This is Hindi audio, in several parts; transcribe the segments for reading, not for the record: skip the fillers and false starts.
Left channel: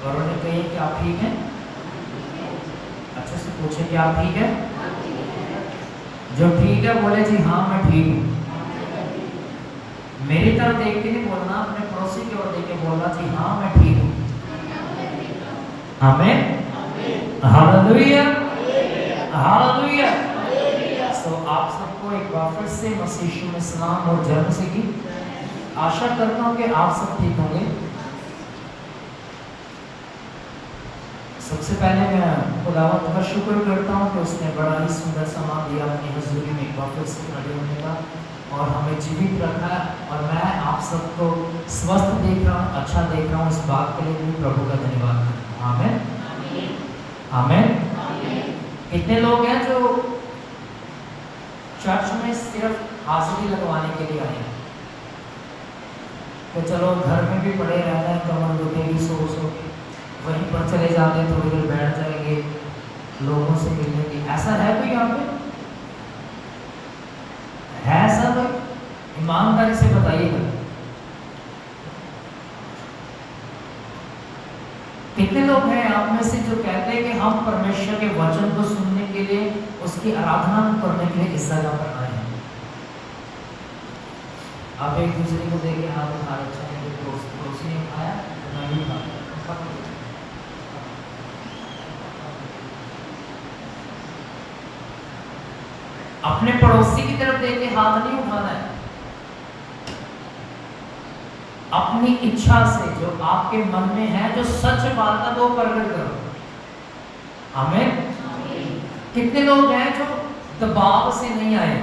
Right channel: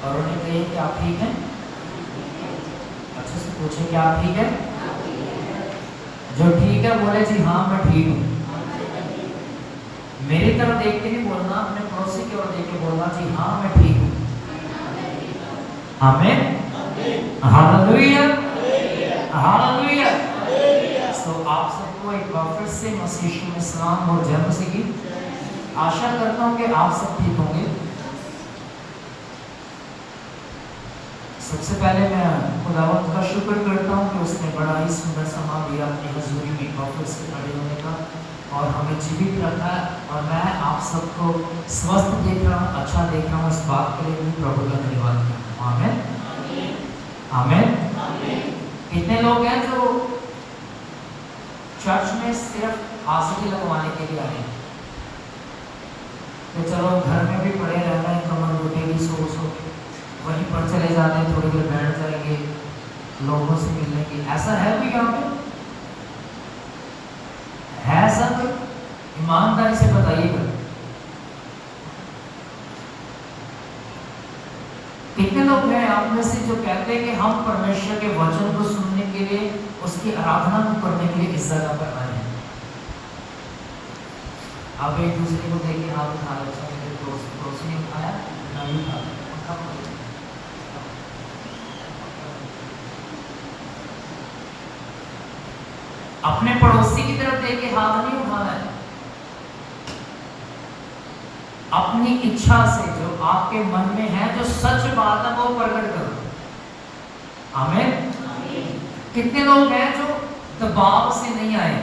और उन्हें कहिए कि आप ठीक हैं। अच्छे से पूछे कि आप ठीक है। जो ठीक है बोले जी हाँ मैं ठीक हूँ। मेरी तरफ देख के नहीं बोलना, अपने पड़ोसी की ओर देख के बोलना जी हाँ मैं ठीक हूँ। आमीन, हालेलुया, हालेलुया। तो आप सबको एक बार फिर से मसीह यीशु में सलाम और जन्म से की। आशा करता हूँ कि आप सब ठीक होंगे। सबसे पहले मैं खुदावंद का शुक्र करता हूँ कि उसने बड़ा ही सुंदर समा दिया अपनी हजूरी में एक बार फिर से खड़े होने का और हमें जीवित रखा। और मैं आप सबको स्वस्थ देख रहा हूँ, अच्छा देख रहा हूँ। इस बात के लिए भी प्रभु का धन्यवाद करता हूँ। आमीन, आमीन। कितने लोग हैं जो चर्च में सिर्फ हाजिरी लगवाने के लिए आए हैं? तो चलो घर में भी पड़े रहना है, कमर लुटेगी सो के वहीं पर चले जाते हैं, थोड़ी देर बैठ जाएंगे, लोगों से मिलेंगे। ऐसा है कोई यहाँ पे? है ऐसा कोई? ईमानदारी से बताइएगा। कितने लोग हैं आप में से जो कहते हैं कि हम परमेश्वर के वचन को सुनने के लिए, उसकी आराधना करने के लिए इस जगह पर आए हैं? आप एक दूसरे को देख के हाथ उठा रहे हो। मेरे दोस्त ने उठाया, मैं भी उठाया। अपने पड़ोसी की तरफ देख के हाथ नहीं उठाना है। अपनी इच्छा से जो आपके मन में है, जो सच बात है, वो प्रकट करो। आमीन। कितने लोग हैं जो दबाव से नहीं आए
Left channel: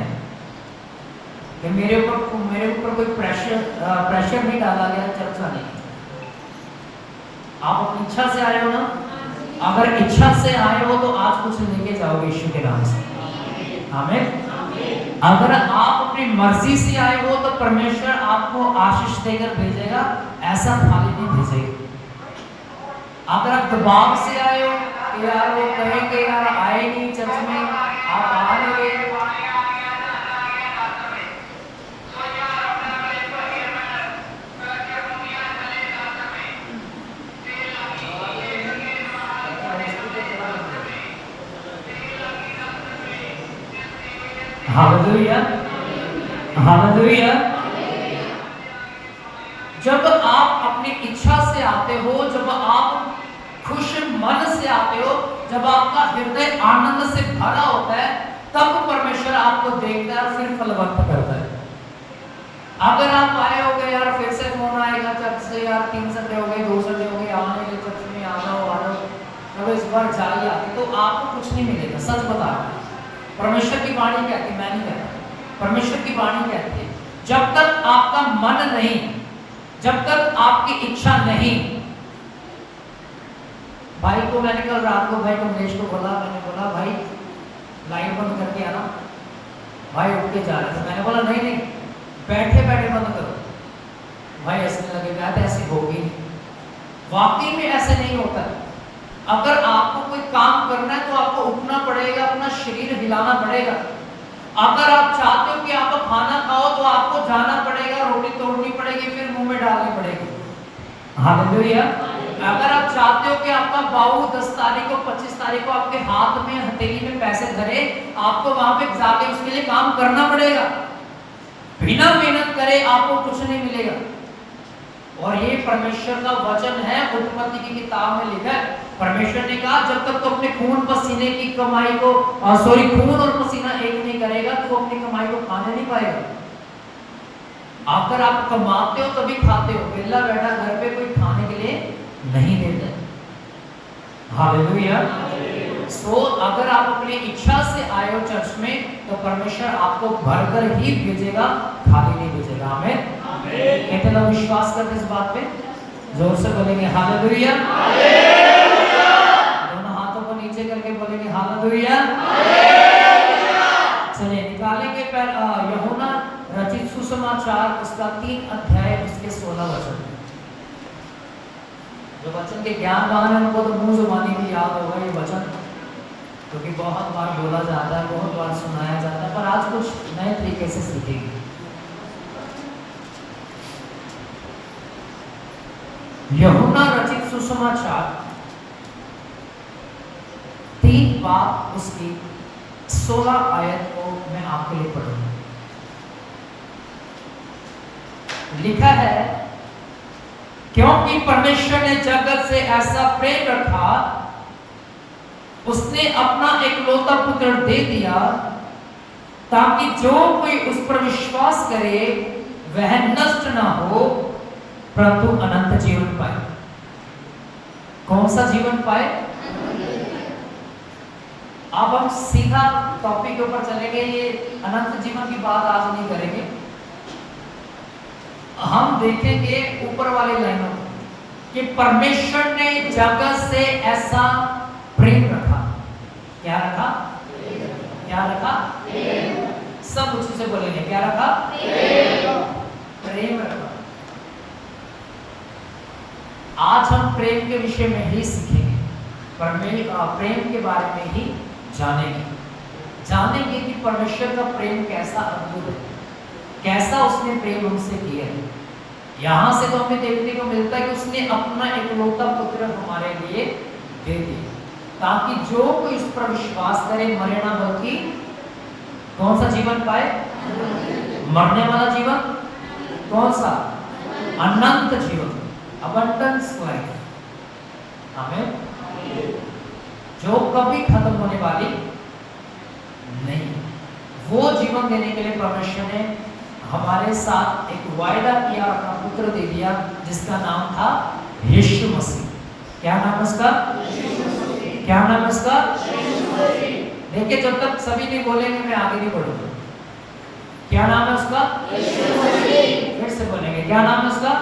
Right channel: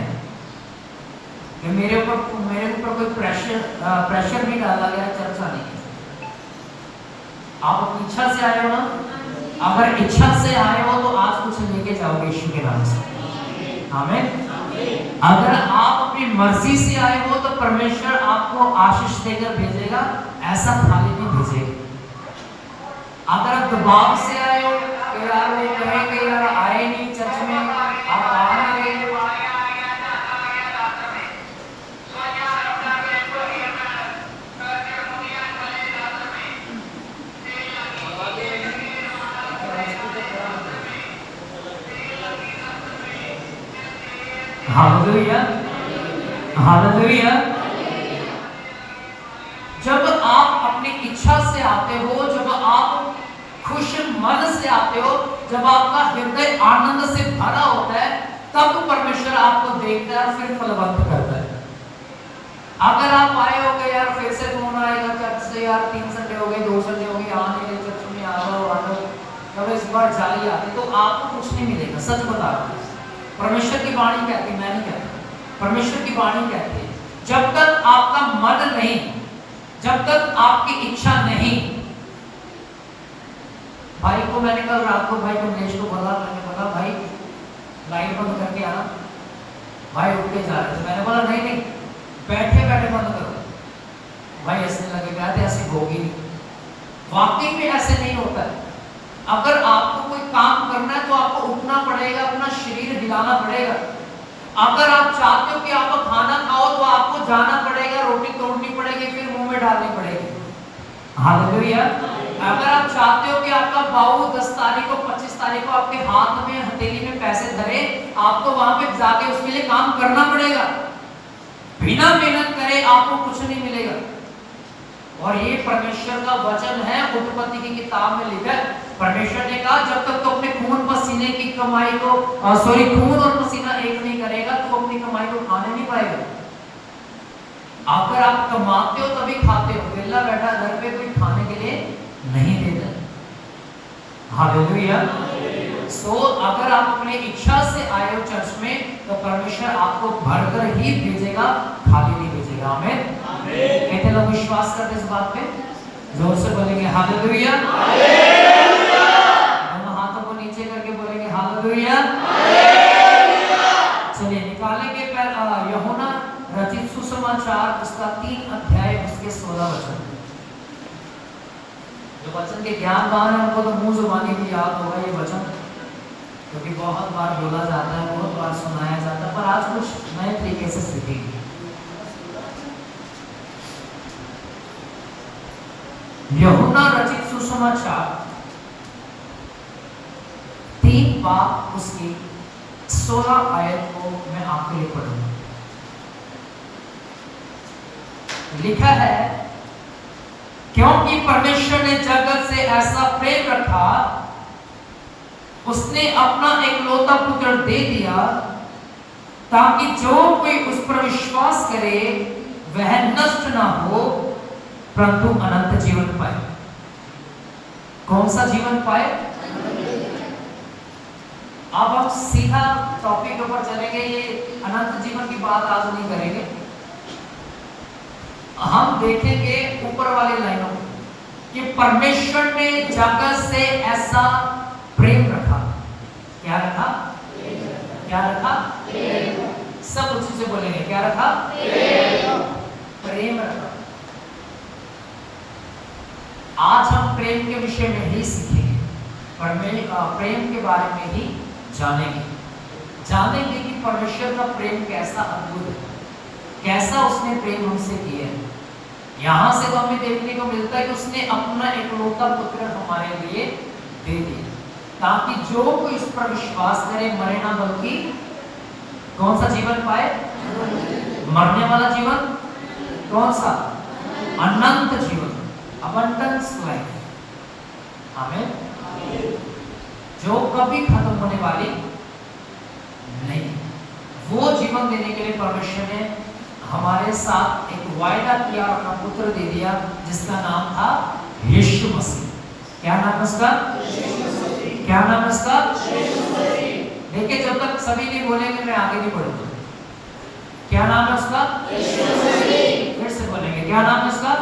कि मेरे ऊपर कोई प्रेशर नहीं डाला गया चर्च आने की? आप अपनी इच्छा से आए हो ना? अगर इच्छा से आए हो तो आज कुछ लेके जाओगे यीशु के नाम से। आमीन। अगर आप अपनी मर्जी से आए हो तो परमेश्वर आपको आशीष देकर भेजेगा, ऐसा थाली में भेजेगा। अगर आप दबाव से आए हो कि यार वो कहे कि यार आए नहीं चर्च में, आप आ नहीं गए, हालेलुया, हालेलुया। जब आप अपनी इच्छा से आते हो, जब आप खुश मन से आते हो, जब आपका हृदय आनंद से भरा होता है, तब परमेश्वर आपको देखता है, फिर फलवंत करता है। अगर आप आए हो गए यार फिर से फोन आएगा चर्च से, यार 3 संडे हो गए, 2 संडे हो गए, आने चर्च में आ जाओ, तब इस बार जाइए आती, तो आपको कुछ नहीं मिलेगा। सच बता रहा हूं, परमेश्वर की वाणी कहती, मैं नहीं कहता, परमेश्वर की वाणी कहती है, जब तक आपका मन नहीं, जब तक आपकी इच्छा नहीं। भाई को मैंने कल रात को, भाई कमलेश को बोला, मैंने बोला भाई लाइट बंद करके आना। भाई उठ के जा रहे थे, मैंने बोला नहीं नहीं बैठे बैठे बंद करो। भाई ऐसे लगे कहते ऐसे होगी, वाकई में ऐसे नहीं होता है। अगर आपको कोई काम करना है तो आपको उठना पड़ेगा, अपना शरीर हिलाना पड़ेगा। अगर आप चाहते हो कि आप खाना खाओ तो आपको जाना पड़ेगा, रोटी तोड़नी पड़ेगी, फिर मुंह में डालनी पड़ेगी। हालेलुया। अगर आप चाहते हो कि आपका बाऊ 10 तारीख को 25 तारीख को आपके हाथ में हथेली में पैसे धरे, आपको वहां पे जाके उसके लिए काम करना पड़ेगा। बिना मेहनत करे आपको कुछ नहीं मिलेगा। और ये परमेश्वर का वचन है, उत्पत्ति की किताब में लिखा है। परमेश्वर ने कहा जब तक तो अपने खून पसीने की कमाई को खून और पसीना एक नहीं करेगा तो अपनी कमाई को खाने नहीं पाएगा। अगर आप कमाते हो तभी खाते हो, वेला बैठा घर पे कोई खाने के लिए नहीं देता है। हालेलुया। सो अगर आप अपनी इच्छा से आए हो चर्च में तो परमेश्वर आपको भरकर ही भेजेगा, खाली नहीं भेजेगा। आमीन। कितने लोग विश्वास करते इस बात पे? जोर से बोलेंगे हालेलुया। दोनों हाथों को नीचे करके बोलेंगे हालेलुया। चलिए निकालेंगे यूहन्ना रचित सुसमाचार उसका 3 अध्याय उसके 16 वचन। जो वचन के ज्ञानवान है उनको तो मुंह जुबानी भी याद होगा ये वचन, क्योंकि बहुत बार बोला जाता है, बहुत बार सुनाया जाता है, पर आज कुछ नए तरीके से सीखेंगे। यूहन्ना रचित सुसमाचार 3 बाब उसकी 16 आयत को मैं आपके लिए पढ़ूंगा। लिखा है, क्योंकि परमेश्वर ने जगत से ऐसा प्रेम रखा, उसने अपना एकलौता पुत्र दे दिया, ताकि जो कोई उस पर विश्वास करे वह नष्ट ना हो परंतु अनंत जीवन पाए। कौन सा जीवन पाए? अब हम सीधा टॉपिक के ऊपर चलेंगे। ये अनंत जीवन की बात आज नहीं करेंगे, हम देखेंगे ऊपर वाली लाइनों कि परमेश्वर ने जगत से ऐसा प्रेम रखा। क्या रखा? क्या रखा? सब उसी से बोलेंगे, क्या रखा? प्रेम रखा। आज हम प्रेम के विषय में ही सीखेंगे, प्रेम के बारे में ही जानेंगे कि परमेश्वर का प्रेम कैसा अद्भुत है, कैसा उसने प्रेम हमसे किया है। यहां से तो हमें देखने को मिलता है कि उसने अपना एकलौता पुत्र हमारे लिए दे दिया, ताकि जो कोई इस पर विश्वास करे मरे ना बल्कि कौन सा जीवन पाए? मरने वाला जीवन। कौन सा? अनंत जीवन, अबंडेंस लाइफ। आमीन। जो कभी खत्म होने वाली नहीं, वो जीवन देने के लिए परमेश्वर ने हमारे साथ एक वायदा किया और अपना पुत्र दे दिया, जिसका नाम था यीशु मसीह। क्या नाम उसका? क्या नाम उसका? देखिए, जब तक सभी नहीं बोलेंगे मैं आगे नहीं बढ़ूंगा। क्या नाम है उसका? फिर से बोलेंगे, क्या नाम है उसका?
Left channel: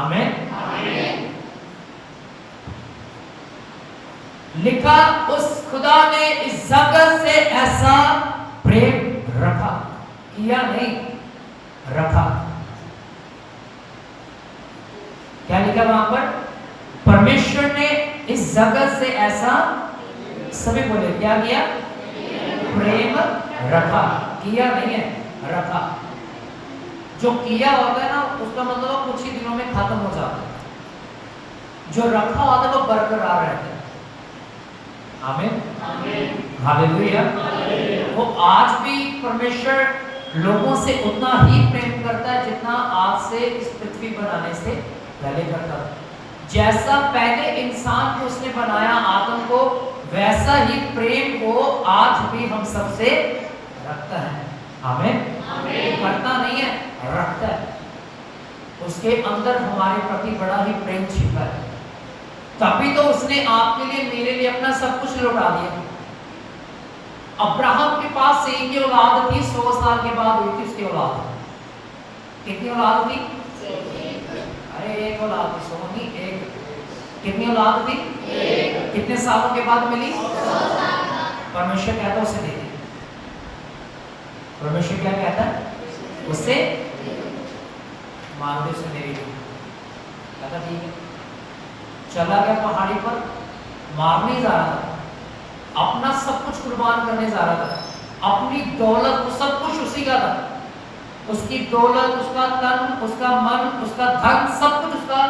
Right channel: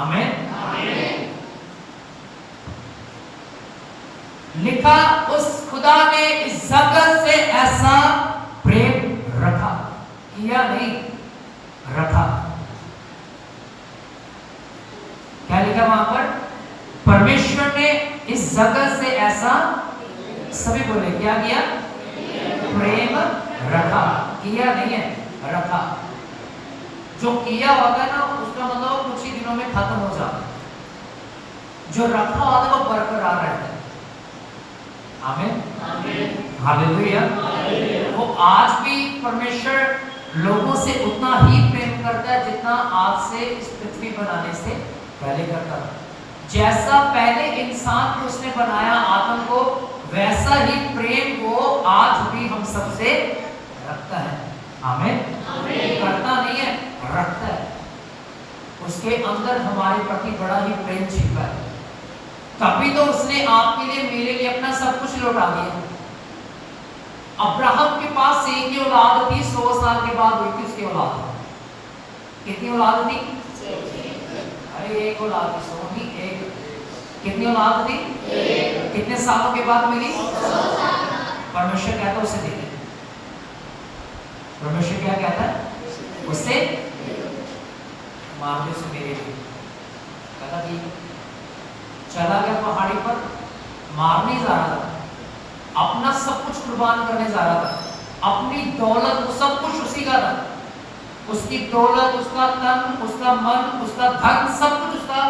आमीन। लिखा, उस खुदा ने इस जगत से ऐसा प्रेम रखा, किया नहीं, रखा। क्या लिखा वहां पर? परमेश्वर ने इस जगत से ऐसा, सभी बोले, क्या किया? प्रेम रखा। किया नहीं है, रखा। जो किया होता है ना, उसका मतलब कुछ ही दिनों में खत्म हो जाता है। जो रखा होता है वो बरकरार रहता है। आमीन। हालेलुया। वो आज भी परमेश्वर लोगों से उतना ही प्रेम करता है जितना आज से इस पृथ्वी बनाने से पहले करता था। जैसा पहले इंसान को उसने बनाया आदम को, वैसा ही प्रेम वो आज भी हम सबसे रखता है। आमीन। करता नहीं है, रखता है। उसके अंदर हमारे प्रति बड़ा ही प्रेम छिपा है। तभी तो उसने आपके लिए, मेरे लिए अपना सब कुछ लौटा दिया। अब्राहम के पास एक ही औलाद थी, 100 साल के बाद हुई थी उसकी औलाद। कितनी औलाद थी? अरे एक औलाद थी, 100 नहीं, एक। कितनी औलाद थी? कितने सालों के बाद मिली? परमेश्वर कहता है उसे दे दे। परमेश्वर क्या कहता है? उससे मांग दे, उसे मेरी दे। कहता ठीक है। चला गया पहाड़ी पर, मारने जा रहा था, अपना सब कुछ कुर्बान करने जा रहा था। अपनी दौलत, सब कुछ उसी का था। उसकी दौलत, उसका तन, उसका मन, उसका धन, सब कुछ उसका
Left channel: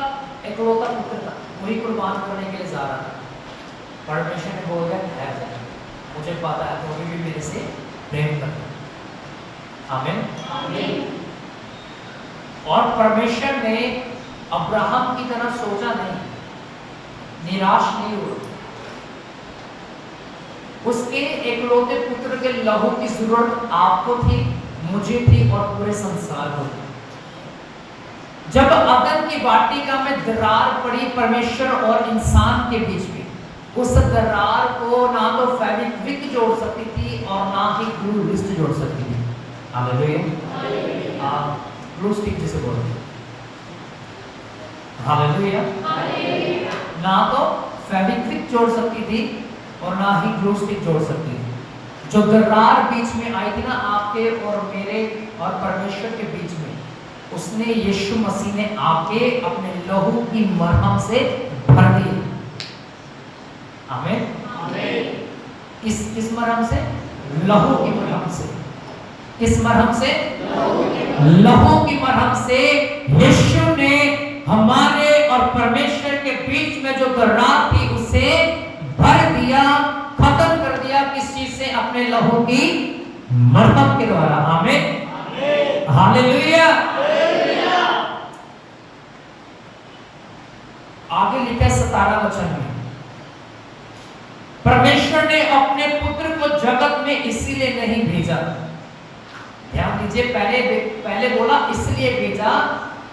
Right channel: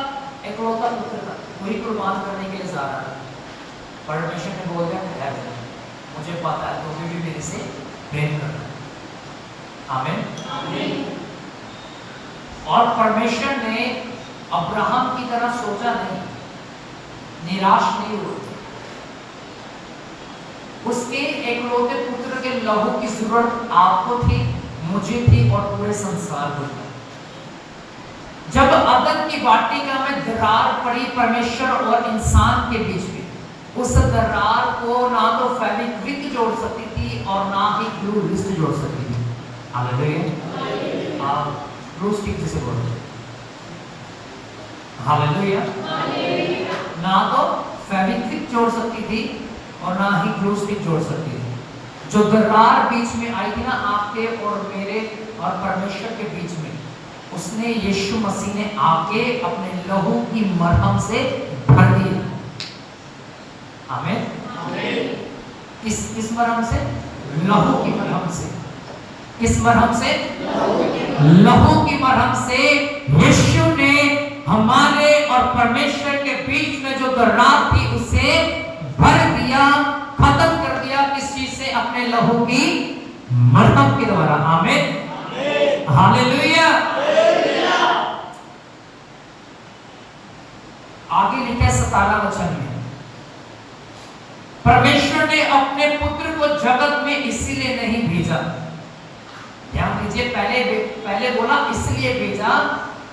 एकलौता पुत्र था, वही कुर्बान करने के लिए जा रहा था। परमेश्वर ने बोल दिया, ठहर जा, मुझे पता है तो भी मेरे से प्रेम करता है। आमीन। और परमेश्वर ने अब्राहम की तरह सोचा नहीं, निराश नहीं हुआ। उसके एकलौते पुत्र के लहू की जरूरत आपको थी, मुझे थी और पूरे संसार को। जब अदन की वाटिका में दरार पड़ी परमेश्वर और इंसान के बीच में, उस दरार को ना तो फेविक्विक जोड़ सकती थी और ना ही ग्लू लिस्ट जोड़ सकती थी। हालेलुया। आप ग्लू स्टिक जिसे बोलते हैं। हालेलुया। ना तो फेविक्विक जोड़ सकती थी और ना ही ग्लू स्टिक जोड़ सकती थी। जो दरार बीच में आई थी ना आपके और मेरे और परमेश्वर के बीच में, उसने यीशु मसीह ने आके अपने लहू की मरहम से भर दिया। आमीन। किस मरहम से? लहू की मरहम से। किस मरहम से? लहू की मरहम से यीशु ने हमारे और परमेश्वर जो रात थी उसे भर दिया, खत्म कर दिया। किस चीज से? अपने लहू की मरतब के द्वारा। आमीन, हालेलुया। आगे लिखा है 17 वचन में, परमेश्वर ने अपने पुत्र को जगत में इसीलिए नहीं भेजा। ध्यान दीजिए, पहले बोला इसलिए भेजा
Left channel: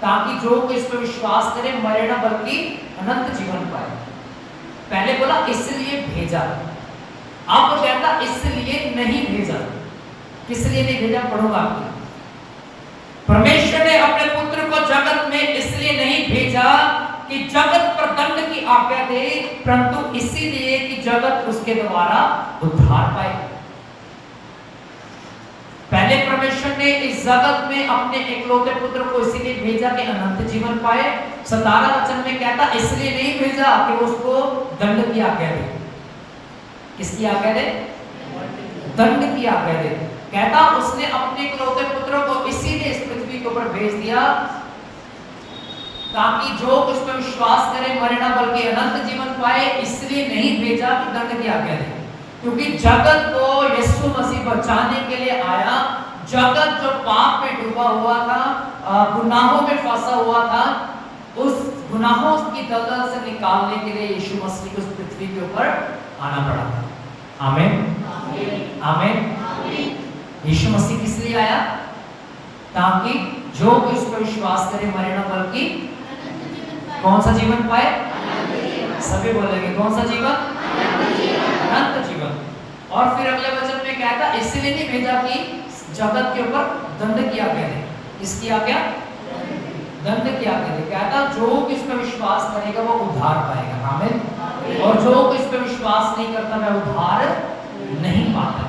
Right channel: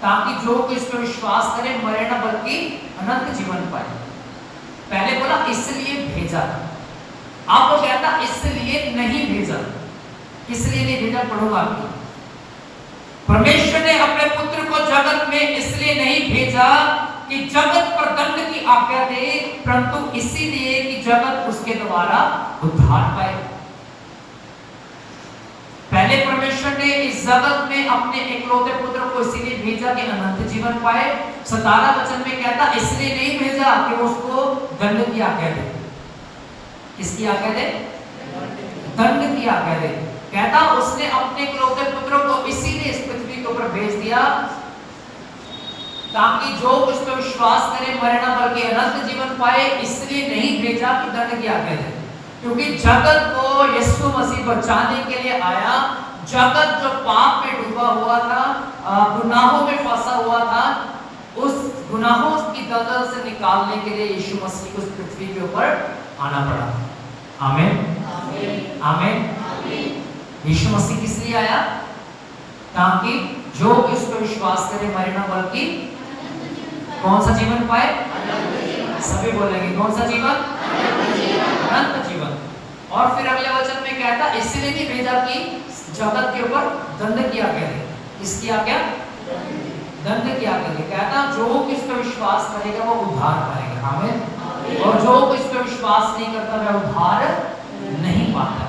ताकि जो कोई इस पर विश्वास करे मरे न बल्कि अनंत जीवन पाए। पहले बोला इसलिए भेजा, अब वो कहता इसलिए नहीं भेजा। इसलिए नहीं भेजा, पढ़ूंगा। परमेश्वर ने अपने पुत्र को जगत में इसलिए नहीं भेजा कि जगत पर दंड की आज्ञा दे, परंतु इसीलिए कि जगत उसके द्वारा उद्धार पाए। पहले परमेश्वर ने इस जगत में अपने एकलौते पुत्र को इसीलिए भेजा कि अनंत जीवन पाए। 17 वचन में कहता इसलिए नहीं भेजा कि उसको दंड की आज्ञा दे। किसकी आज्ञा दे? दंड की आज्ञा दे। कहता उसने अपने एकलौते पुत्र को इसीलिए इस पृथ्वी के ऊपर भेज दिया ताकि जो उस पर विश्वास करे मरे न बल्कि अनंत जीवन पाए। इसलिए नहीं भेजा कि दंड की आज्ञा दे, क्योंकि जगत को यीशु मसीह बचाने के लिए आया। जगत जो पाप में डूबा हुआ था, गुनाहों में फंसा हुआ था, उस गुनाहों की दलदल से निकालने के लिए यीशु मसीह को इस पृथ्वी के ऊपर आना पड़ा। आमीन, आमीन। यीशु मसीह किस लिए आया? ताकि जो इस पर विश्वास करे मरे न बल्कि कौन सा जीवन पाए? सभी बोलेंगे कौन सा जीवन? अनंत जीवन। और फिर अगले वचन में कहता इसलिए नहीं भेजा कि जगत के ऊपर दंड की आज्ञा दे। इसकी आज्ञा? दंड की आज्ञा दे। कहता जो इस पर विश्वास करेगा वो उद्धार पाएगा। आमीन। और जो इस पर विश्वास नहीं करता वह उद्धार नहीं पाता।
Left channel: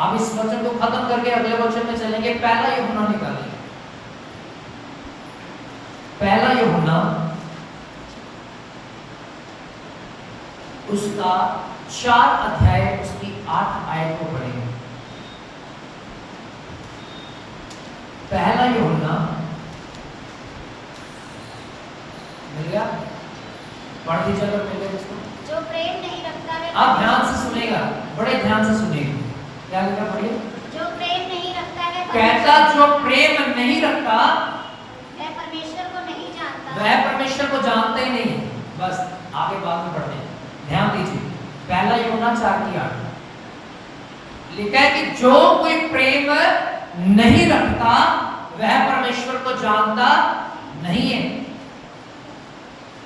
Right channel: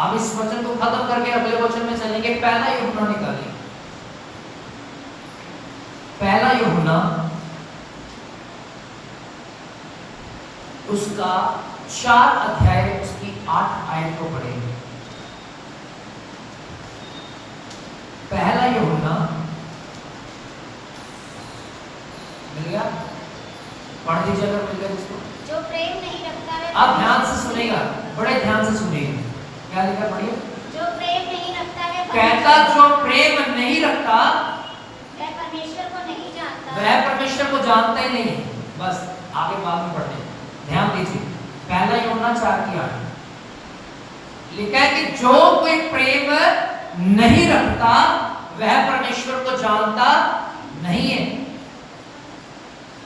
अब इस वचन को खत्म करके अगले वचन में चलेंगे। पहला यूहन्ना निकालिए, पहला यूहन्ना उसका 4 अध्याय उसकी 8 आयत को पढ़ेंगे। पहला यूहन्ना मिल गया? पढ़ दीजिए अगर मिल गया इसको। जो प्रेम नहीं रखता है, आप ध्यान से सुनेगा, बड़े ध्यान से सुनेगा। क्या लिखा पढ़िए? जो प्रेम नहीं रखता है, कहता जो प्रेम नहीं रखता वह परमेश्वर को नहीं जानता, वह परमेश्वर को जानता ही नहीं। बस आगे बाद में पढ़ते हैं, ध्यान दीजिए। पहला यूहन्ना 4:8 लिखा है कि जो कोई प्रेम नहीं रखता वह परमेश्वर को जानता नहीं है,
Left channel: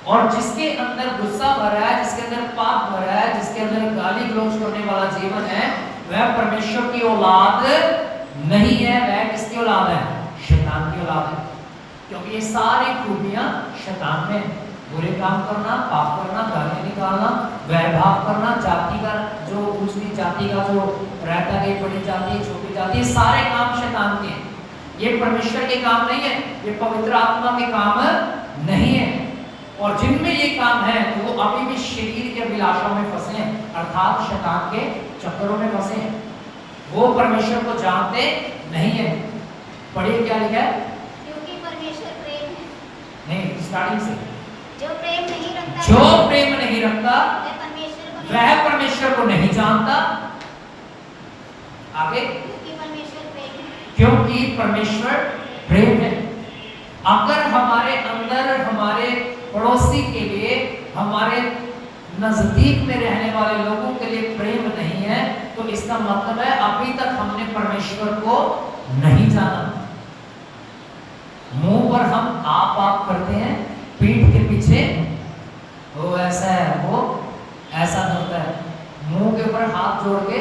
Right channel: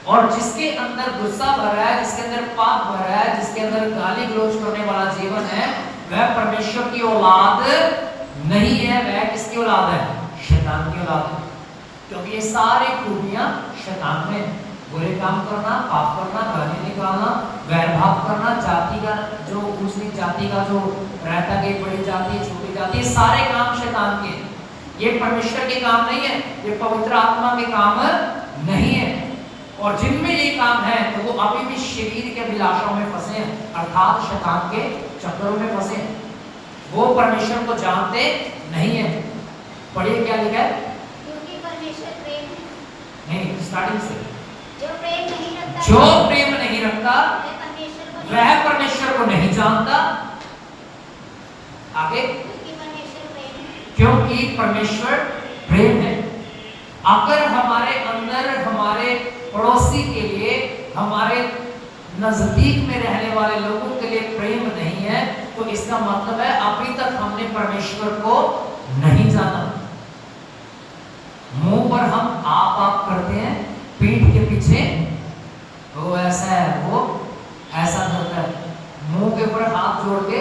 और जिसके अंदर गुस्सा भरा है, जिसके अंदर पाप भरा है, जिसके अंदर गाली गलौज करने वाला जीवन है, वह परमेश्वर की औलाद नहीं है। वह किसकी औलाद है? शैतान की औलाद है। क्योंकि ये सारी खूबियां शैतान में, बुरे काम करना, पाप करना, गाली निकालना, वैरभाव करना, जाति का जो ऊंची जाति का जो रहता है, बड़ी जाति, छोटी जाति, सारे काम शैतान के। ये परमेश्वर के काम नहीं है, ये पवित्र आत्मा के काम नहीं है। और जिनमें ये काम है तो वो अभी भी शरीर के अभिलाषाओं में फंसे हैं, अर्थात शैतान के चक्करों में फंसे हैं। वो परमेश्वर को जानते नहीं है। पढ़िए क्या लिखा है? क्योंकि परमेश्वर प्रेम है। नहीं, स्टार्टिंग से। जो प्रेम नहीं रखता, जो प्रेम नहीं रखता वह परमेश्वर को नहीं जानता। आगे, क्योंकि परमेश्वर प्रेम है। क्योंकि परमेश्वर प्रेम है। अगर हमारे अंदर हमारे पड़ोसी के लिए, हमारे नजदीक में रहने वाले लोगों के लिए प्रेम नहीं है तो इसका मतलब है अभी तक हमने परमेश्वर को नहीं जाना। मुंह पर हम आप करते हैं, पीठ के पीछे वो ऐसा है, वो ऐसा होता है। मुंह के ऊपर हाथ जोड़ के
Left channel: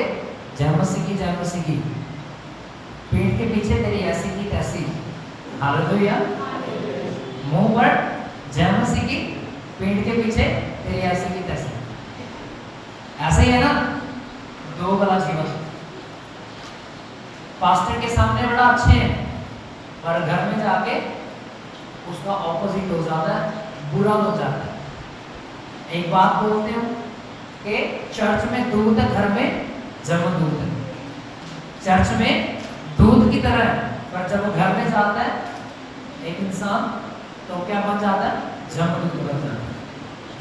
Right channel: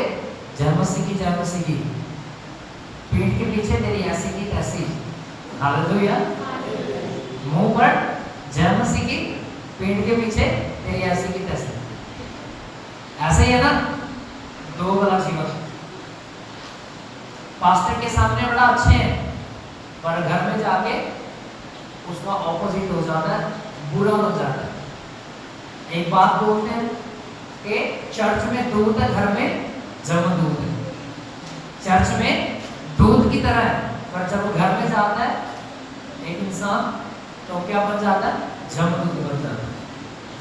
जय मसीह की, पीठ के पीछे तेरी ऐसी की तैसी। हालेलुया। मुंह पर जय मसीह की, पीठ के पीछे तेरी ऐसी की तैसी। ऐसे ही है ना? दो गला जीवन। पास्टर के सामने बड़ा अच्छे हैं, पर घर में जाके उसका ऑपोजिट हो जाता है, बुरा हो जाता है। एक बात बोलते हैं कि चर्च में दूध है, घर में जम दूध है। चर्च में दूध की तरह है, पर जब घर में जाता है एक इंसान तो क्या बन जाता है? जम दूध बन जाता है।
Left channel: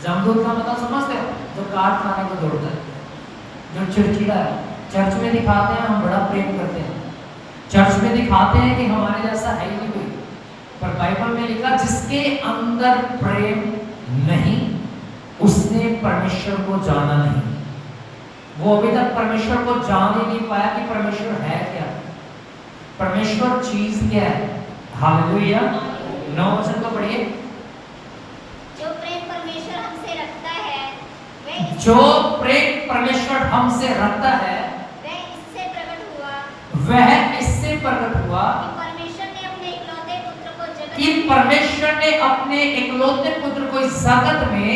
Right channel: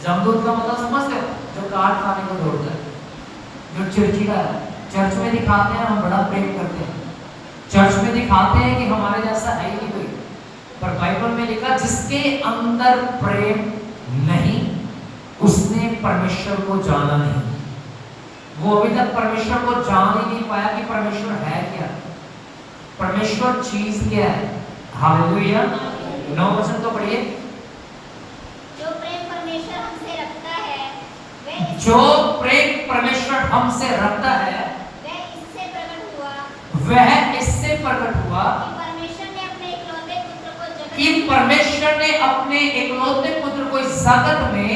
जमदूत का मतलब समझते हो? जो काट खाने को दौड़ता है, जो चिड़चिड़ा है। चर्च में दिखाते हैं हम बड़ा प्रेम करते हैं, चर्च में दिखाते हैं कि हमारे जैसा है ही नहीं कोई, पर बाइबल में लिखा जिसके अंदर प्रेम नहीं उसने परमेश्वर को जाना नहीं। वो अभी तक परमेश्वर को जान ही नहीं पाया कि परमेश्वर है क्या, परमेश्वर चीज क्या है। हालेलुया। 9 वचन को पढ़िए। जो प्रेम परमेश्वर हमसे रखता है वह जो प्रेम परमेश्वर हमसे रखता है इससे प्रकट हुआ वह इससे प्रकट हुआ कि परमेश्वर ने अपने इकलौते पुत्र को कि परमेश्वर ने अपने इकलौते पुत्र को इस जगत में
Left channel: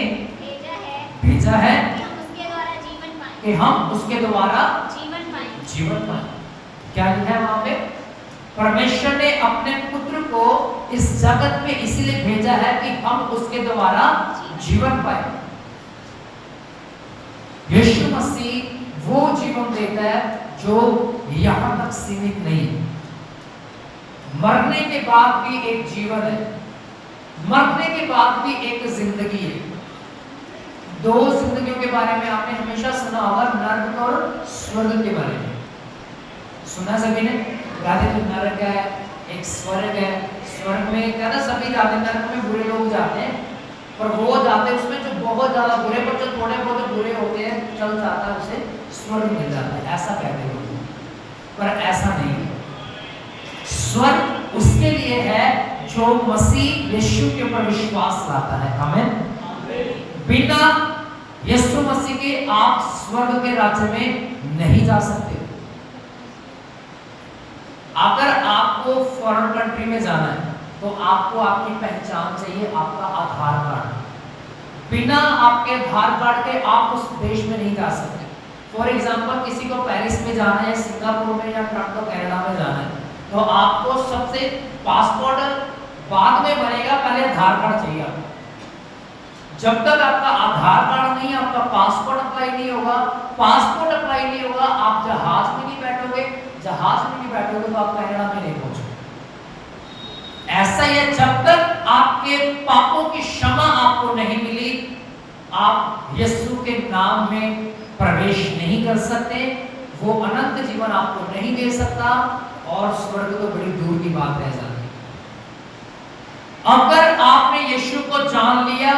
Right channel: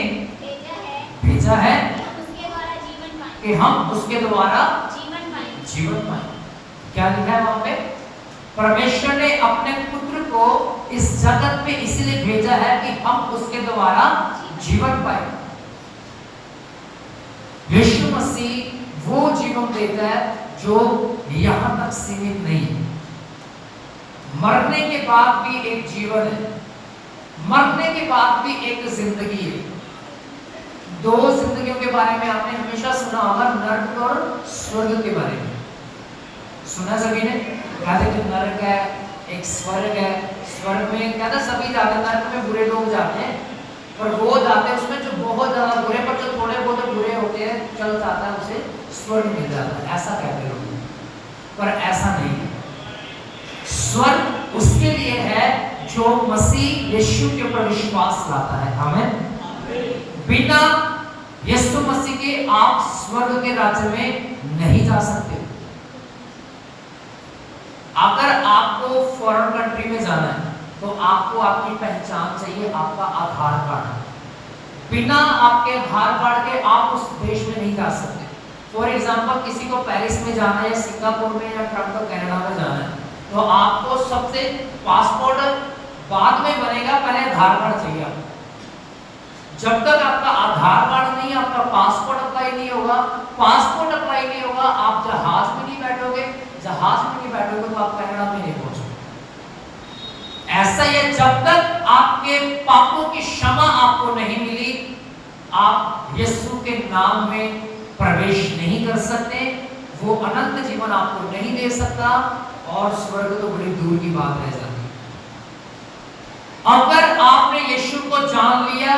भेजा है कि हम उसके द्वारा जीवन पाएं। क्या लिखा है वहां पे? परमेश्वर ने अपने पुत्र को इस जगत में इसलिए भेजा है कि हम उसके द्वारा जीवन पाए। यीशु मसीह वो जीवन देता है जो यहां तक सीमित नहीं है। मरने के बाद भी एक जीवन है, मरने के बाद भी एक जिंदगी है। 2 जिंदगियों के बारे में आपने हमेशा सुना होगा, नरक और स्वर्ग के बारे में सुना सभी ने। कहते कि नरक है, एक स्वर्ग है। स्वर्ग में कहता सभी जाते, नरक में बुरे लोग जाते हैं, पर वो जाते हैं उसमें जो बहुत ज्यादा बुरे, पर जो थोड़े बहुत बुरे होते हैं चल जाता है, उसे स्वर्ग मिल जाता है, ऐसा कहते लोग। पर ऐसा नहीं है। स्वर्ग उसके लिए है जो मसीह यीशु के ऊपर विश्वास लाता है। हमें बिना यीशु मसीह के आप स्वर्ग के राज्य में नहीं जा सकते। अगर आपको फॉरेन कंट्री में जाना है तो आपको आपकी पहचान चाहिए, आपका आधार कार्ड। बिना आपके आधार कार्ड के आप उस देश में नहीं जा सकते। फॉर एग्जांपल किसी को पेरिस में जाना है, सिंगापुर में या टोरंटो कनाडा में जाना है, तो आपको सबसे पासपोर्ट बाद में बनेगा, पहले आधार कार्ड चाहिए आपको। जब तक आपका आधार कार्ड नहीं, आपका पासपोर्ट अप्लाई नहीं होगा, पासपोर्ट अप्लाई नहीं होगा, आप जहाज में नहीं बैठोगे, जहाज में नहीं बैठोगे तो आप कनाडा में नहीं पहुंचोगे। ऐसा ही है, जब तक आपके पापों की क्षमा आपको नहीं मिली, आप यीशु के नाम में प्रवेश नहीं कर सकते। वो अनंत जीवन आपको नहीं दे सकता, और स्वर्ग तो बड़ी दूर की बात रह जाती। अगर आपने यीशु को जान लिया,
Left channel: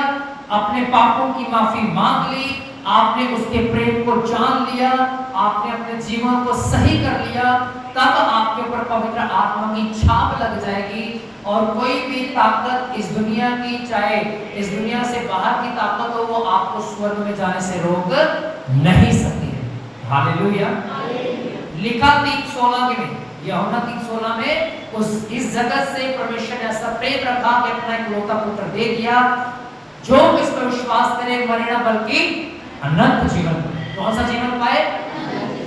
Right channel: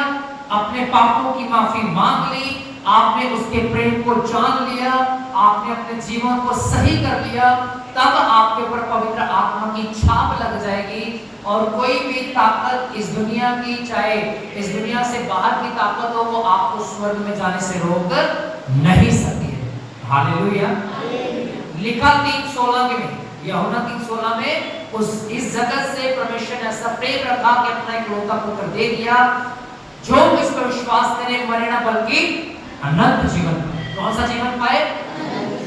अपने पापों की माफी मांग ली, आपने उसके प्रेम को जान लिया, आपने अपने जीवन को सही कर लिया, तब आपके ऊपर पवित्र आत्मा की छाप लग जाएगी, और कोई भी ताकत इस दुनिया की, चाहे इस दुनिया से बाहर की ताकत हो, वो आपको स्वर्ग में जाने से रोक नहीं सकती है। हालेलुया। लिखा 3:16 में, यूहन्ना 3:16 में, उस इस जगत से परमेश्वर ने ऐसा प्रेम रखा कि अपना इकलौता पुत्र दे दिया, जो इस पर विश्वास करे मरे ना बल्कि अनंत जीवन। कौन सा जीवन पाए?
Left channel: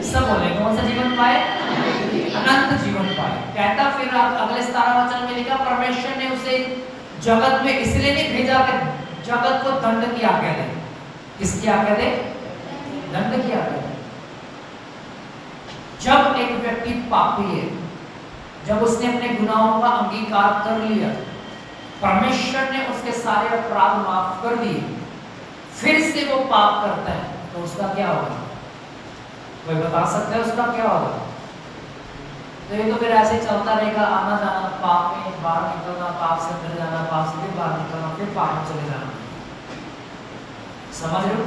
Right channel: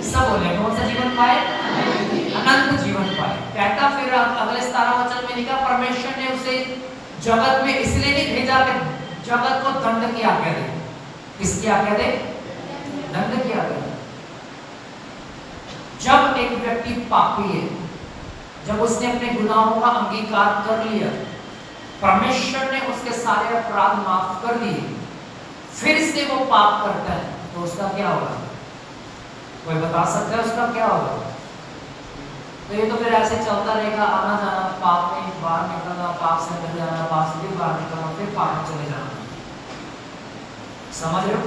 सब बोले कौन सा जीवन पाए? अनंत जीवन पाए। कहता फिर अगले 17 वचन में लिखा, परमेश्वर ने उसे जगत में इसलिए नहीं भेजा कि जगत को दंड की आज्ञा दे। किसकी आज्ञा दे? दंड की आज्ञा। जब एक व्यक्ति पापी है, जब उसने अपने गुनाहों का अंगीकार कर लिया, परमेश्वर ने उसके सारे अपराध माफ कर दिए, फिर से वो पाप करता है, तो उसका क्या होगा? कोई बता सकता है उसका क्या होगा? तो ये तो फिर ऐसे चलता रहेगा, आना जाना पाप में, बाहर निकलना, पाप से अंदर जाना, पाप से फिर बाहर निकलना, फिर पाप में चले जाना। समझ रहे हो?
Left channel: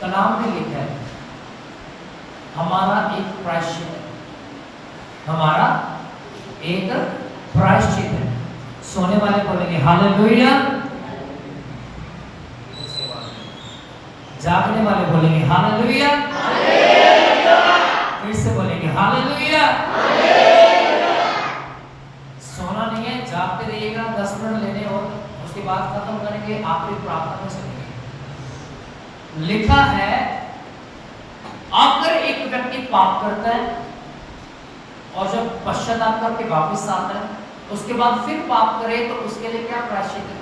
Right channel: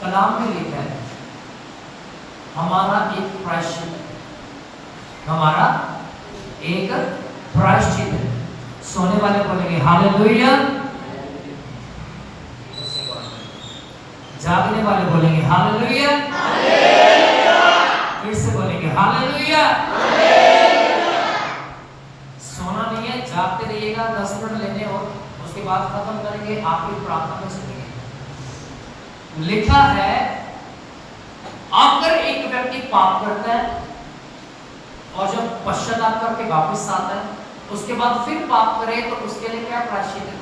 कलाम में लिखा है, हमारा एक प्रायश्चित है, हमारा एक प्रायश्चित है। सोने वाले बोलेंगे हालेलुया, जागने वाले बोलेंगे हालेलुया, फिर से बोलेंगे हालेलुया। सोना नहीं है, जागते रहिएगा, 10 मिनट लेने और उसके बाद खत्म करेंगे, आखिरी प्रार्थना में चलेंगे। लिखा है, अगर एक व्यक्ति पाप करता है और जब पश्चाताप करके वापस आता है, उसके बाद फिर पाप करे, तो उसके लिए क्या प्रायश्चित है?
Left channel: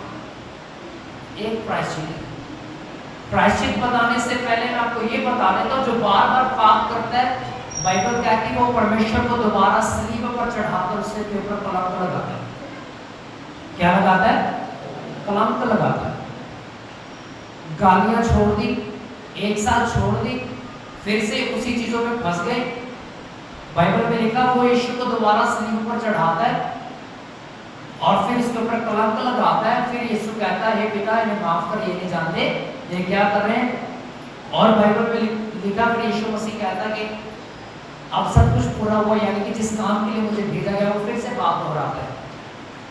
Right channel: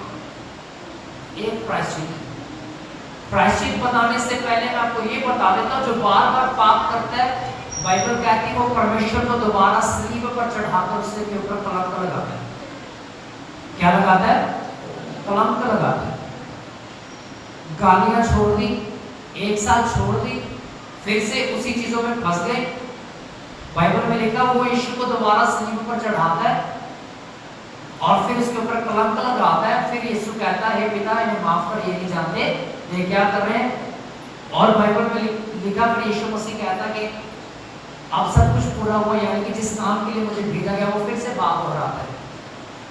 एक प्रायश्चित है। प्रायश्चित बताने से पहले मैं आपको ये बता देता हूं, जो बार बार पाप करता है, बाइबल कहती है वो परमेश्वर को दोबारा सलीब पर चढ़ाकर उसके ऊपर कलंक लगाता है। क्या लगाता है? कलंक लगाता है। गालियां छोड़ दी, एक साथ छोड़ दी, फिर से उसी चीजों में फंस गए। बाइबल में लिखा वो यीशु को दोबारा सलीब पर चढ़ाता है और फिर उसके ऊपर कलंक लगाता है। फिर यीशु कहता है, हे पिता इन्हें माफ कर, ये नहीं जानते ये क्या कर रहे हैं। और बाइबल में लिखा फिर यीशु मसीह कहता है कि अब सब कुछ पूरा हुआ, यानी कि जिस काम के लिए मुझे भेजा गया वो फिर से बात दोहराता है।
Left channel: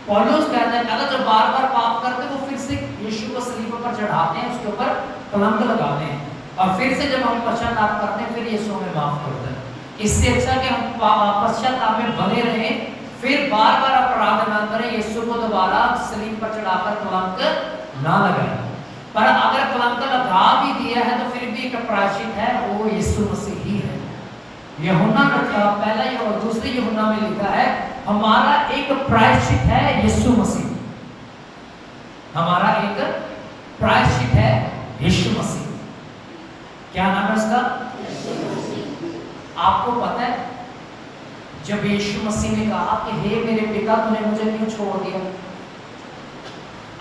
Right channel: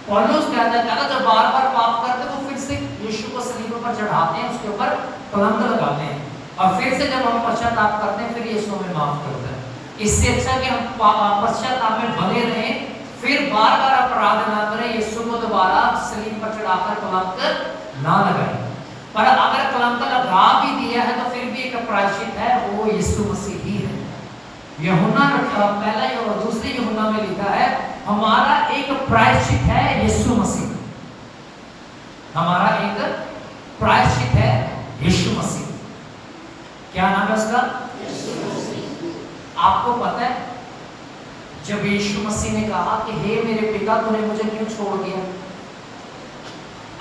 पौलुस कहता है जब बार बार पाप करते वो फिर से यीशु को सलीब पर चढ़ाते हैं, उसके ऊपर कलंक लगाते हैं और फिर से जब हम पश्चाताप करते हैं फिर यीशु हमें माफ कर देता है। इससे अच्छा कि हम पश्चाताप में बने रहें, फिर बार बार अपराध ना करें, यीशु को दोबारा सलीब पर चढ़ाकर कलंक ना लगाएं। पर अगर कलंक लगा भी दिया है तो फिर भी एक प्रायश्चित है, वो यीशु मसीह ही है। यूहन्ना पहला और दूसरी यूहन्ना में लिखा है हमारा एक प्रायश्चित है यीशु मसीह, हमारा एक प्रायश्चित है यीशु मसीह। क्या नाम है उसका? आपको पता है जब यीशु मसीह ने कहा कि हे मेरे पिता तूने मुझे क्यों छोड़ दिया,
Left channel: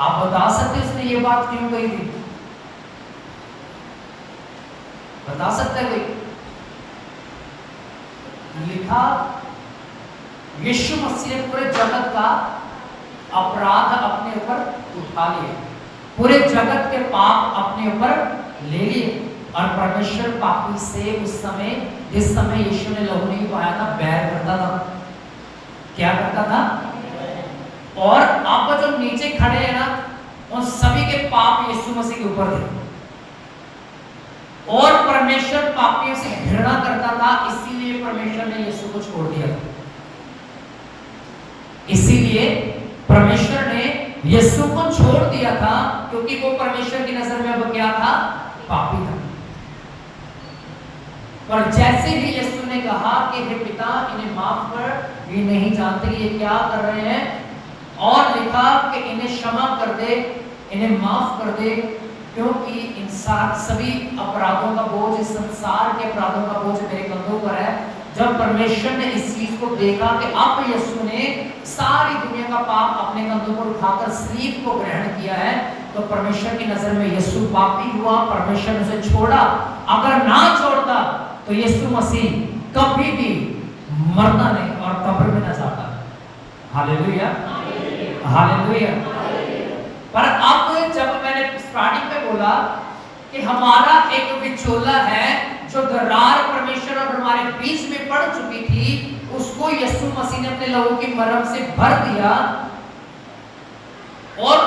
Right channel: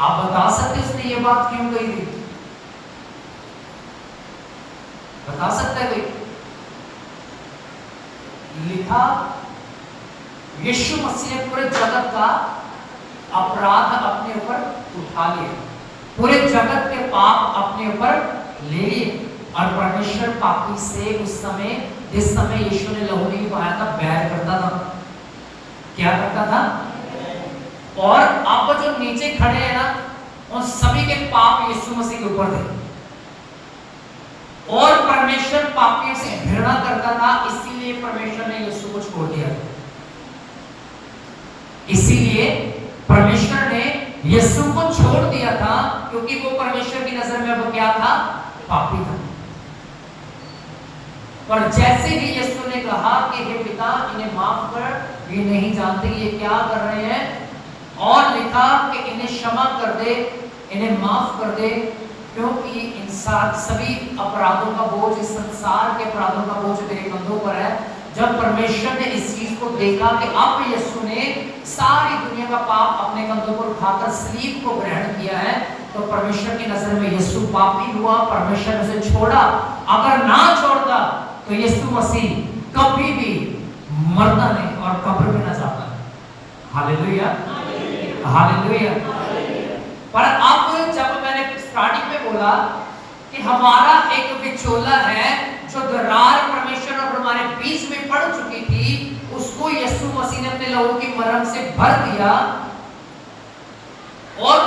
आप बता सकते उसने ये बात क्यों कही थी? बता सकते हैं कोई? लिखा यीशु मसीह ने पूरे जगत का अपराध अपने ऊपर उठा लिया, पूरे जगत के पाप अपने ऊपर ले लिए और परमेश्वर पापी से उस समय जिस समय यीशु ने लहू नहीं बहाया था बैर करता था। क्या करता था? और आप जो नीचे खड़े हैं ना उन सभी के पाप यीशु मसीह के ऊपर थे और परमेश्वर पापियों से घृणा करता था, इसीलिए परमेश्वर ने यीशु को छोड़ दिया। इसीलिए परमेश्वर ने यीशु को छोड़ दिया था क्योंकि वो परमेश्वर की नजर में वो क्या था? पापी था। पर जैसे ही यीशु ने कहा कि हे पिता इन्हें माफ कर, ये नहीं जानते ये क्या कर रहे हैं, और लिखा कि इन्हें क्षमा कर दे, इन्हें माफ कर दे, क्योंकि इंसान सभी अपराधों का बोझ, इस संसार के अपराधों का बोझ मेरे कंधों पर है। जब परमेश्वर ने इस चीज को देखा कि अब यीशु ने सारी दुनिया का पाप अपने कंधों पर उठाकर सलीब को ग्रहण किया है, तो परमेश्वर की नजर में यीशु पापी हुआ, परमेश्वर ने उसे छोड़ा। अगर ना छोड़ता तो यीशु मसीह कभी भी मरना नहीं और कब्र में न जाता। Hallelujah, hallelujah. पर अब जब मैंने स्टार्टिंग में बोला कि हमारा एक विचोला है जो दरार परमेश्वर और हमारे बीच में पड़ चुकी थी, उसको यीशु मसीह ने अपने लहू की मरहम से भर दिया। और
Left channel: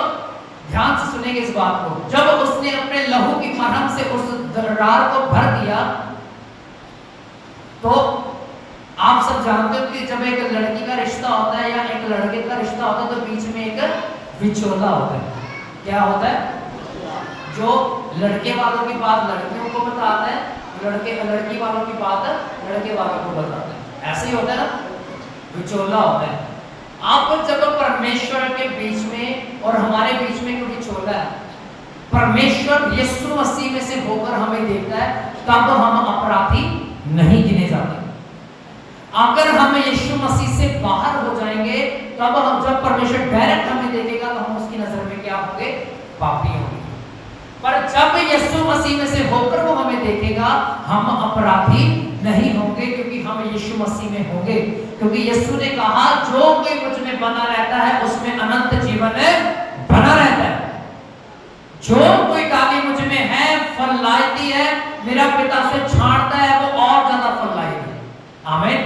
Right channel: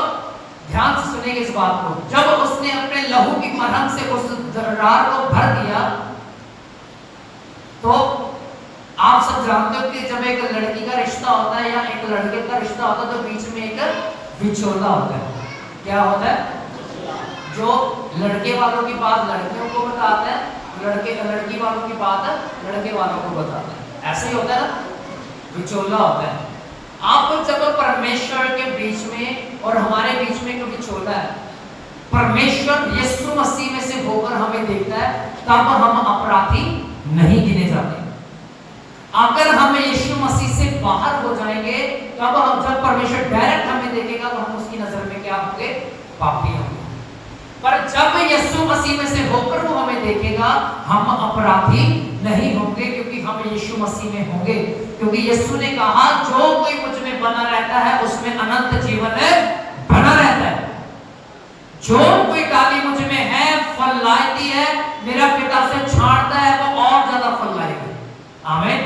ध्यान से सुनेंगे इस बात को, जब उसने अपने लहू की मरहम से उस दरार को भर दिया तो आप सब जानते हो कि जब एक लड़की का रिश्ता होता है या एक लड़के का रिश्ता होता है तो बीच में एक विचोला होता है। क्या होता है? जो लड़के वालों की बात लड़कियों को बताता है, लड़की वालों की बात लड़के वालों को बताता है। ऐसे ही होता है ना, विचोला होता है। आप जब परमेश्वर के बीच में और हमारे बीच में कोई विचोला है, परमेश्वर यीशु मसीह में से होकर हमें देखता है, तब हम अपराधी नहीं गिने जाते। अगर हम यीशु मसीह से बाहर हो जाएंगे तब हम, जब परमेश्वर डायरेक्ट हमें देखेगा तो हम उसकी नजर में क्या होंगे? पापी होंगे। पर जब यीशु मसीह में से होकर वो हमें देखेगा, हम अपराधी नहीं होंगे, क्योंकि हम यीशु मसीह में होंगे। क्योंकि यीशु ने कहा जो कोई मुझ में बना रहता है उसमें अनंत जीवन बना रहता है। जो कोई डाली मुझ में है, फल लाती है, मेरा पिता से छांटता है, वो और ज्यादा फल लाएगी। आमीन,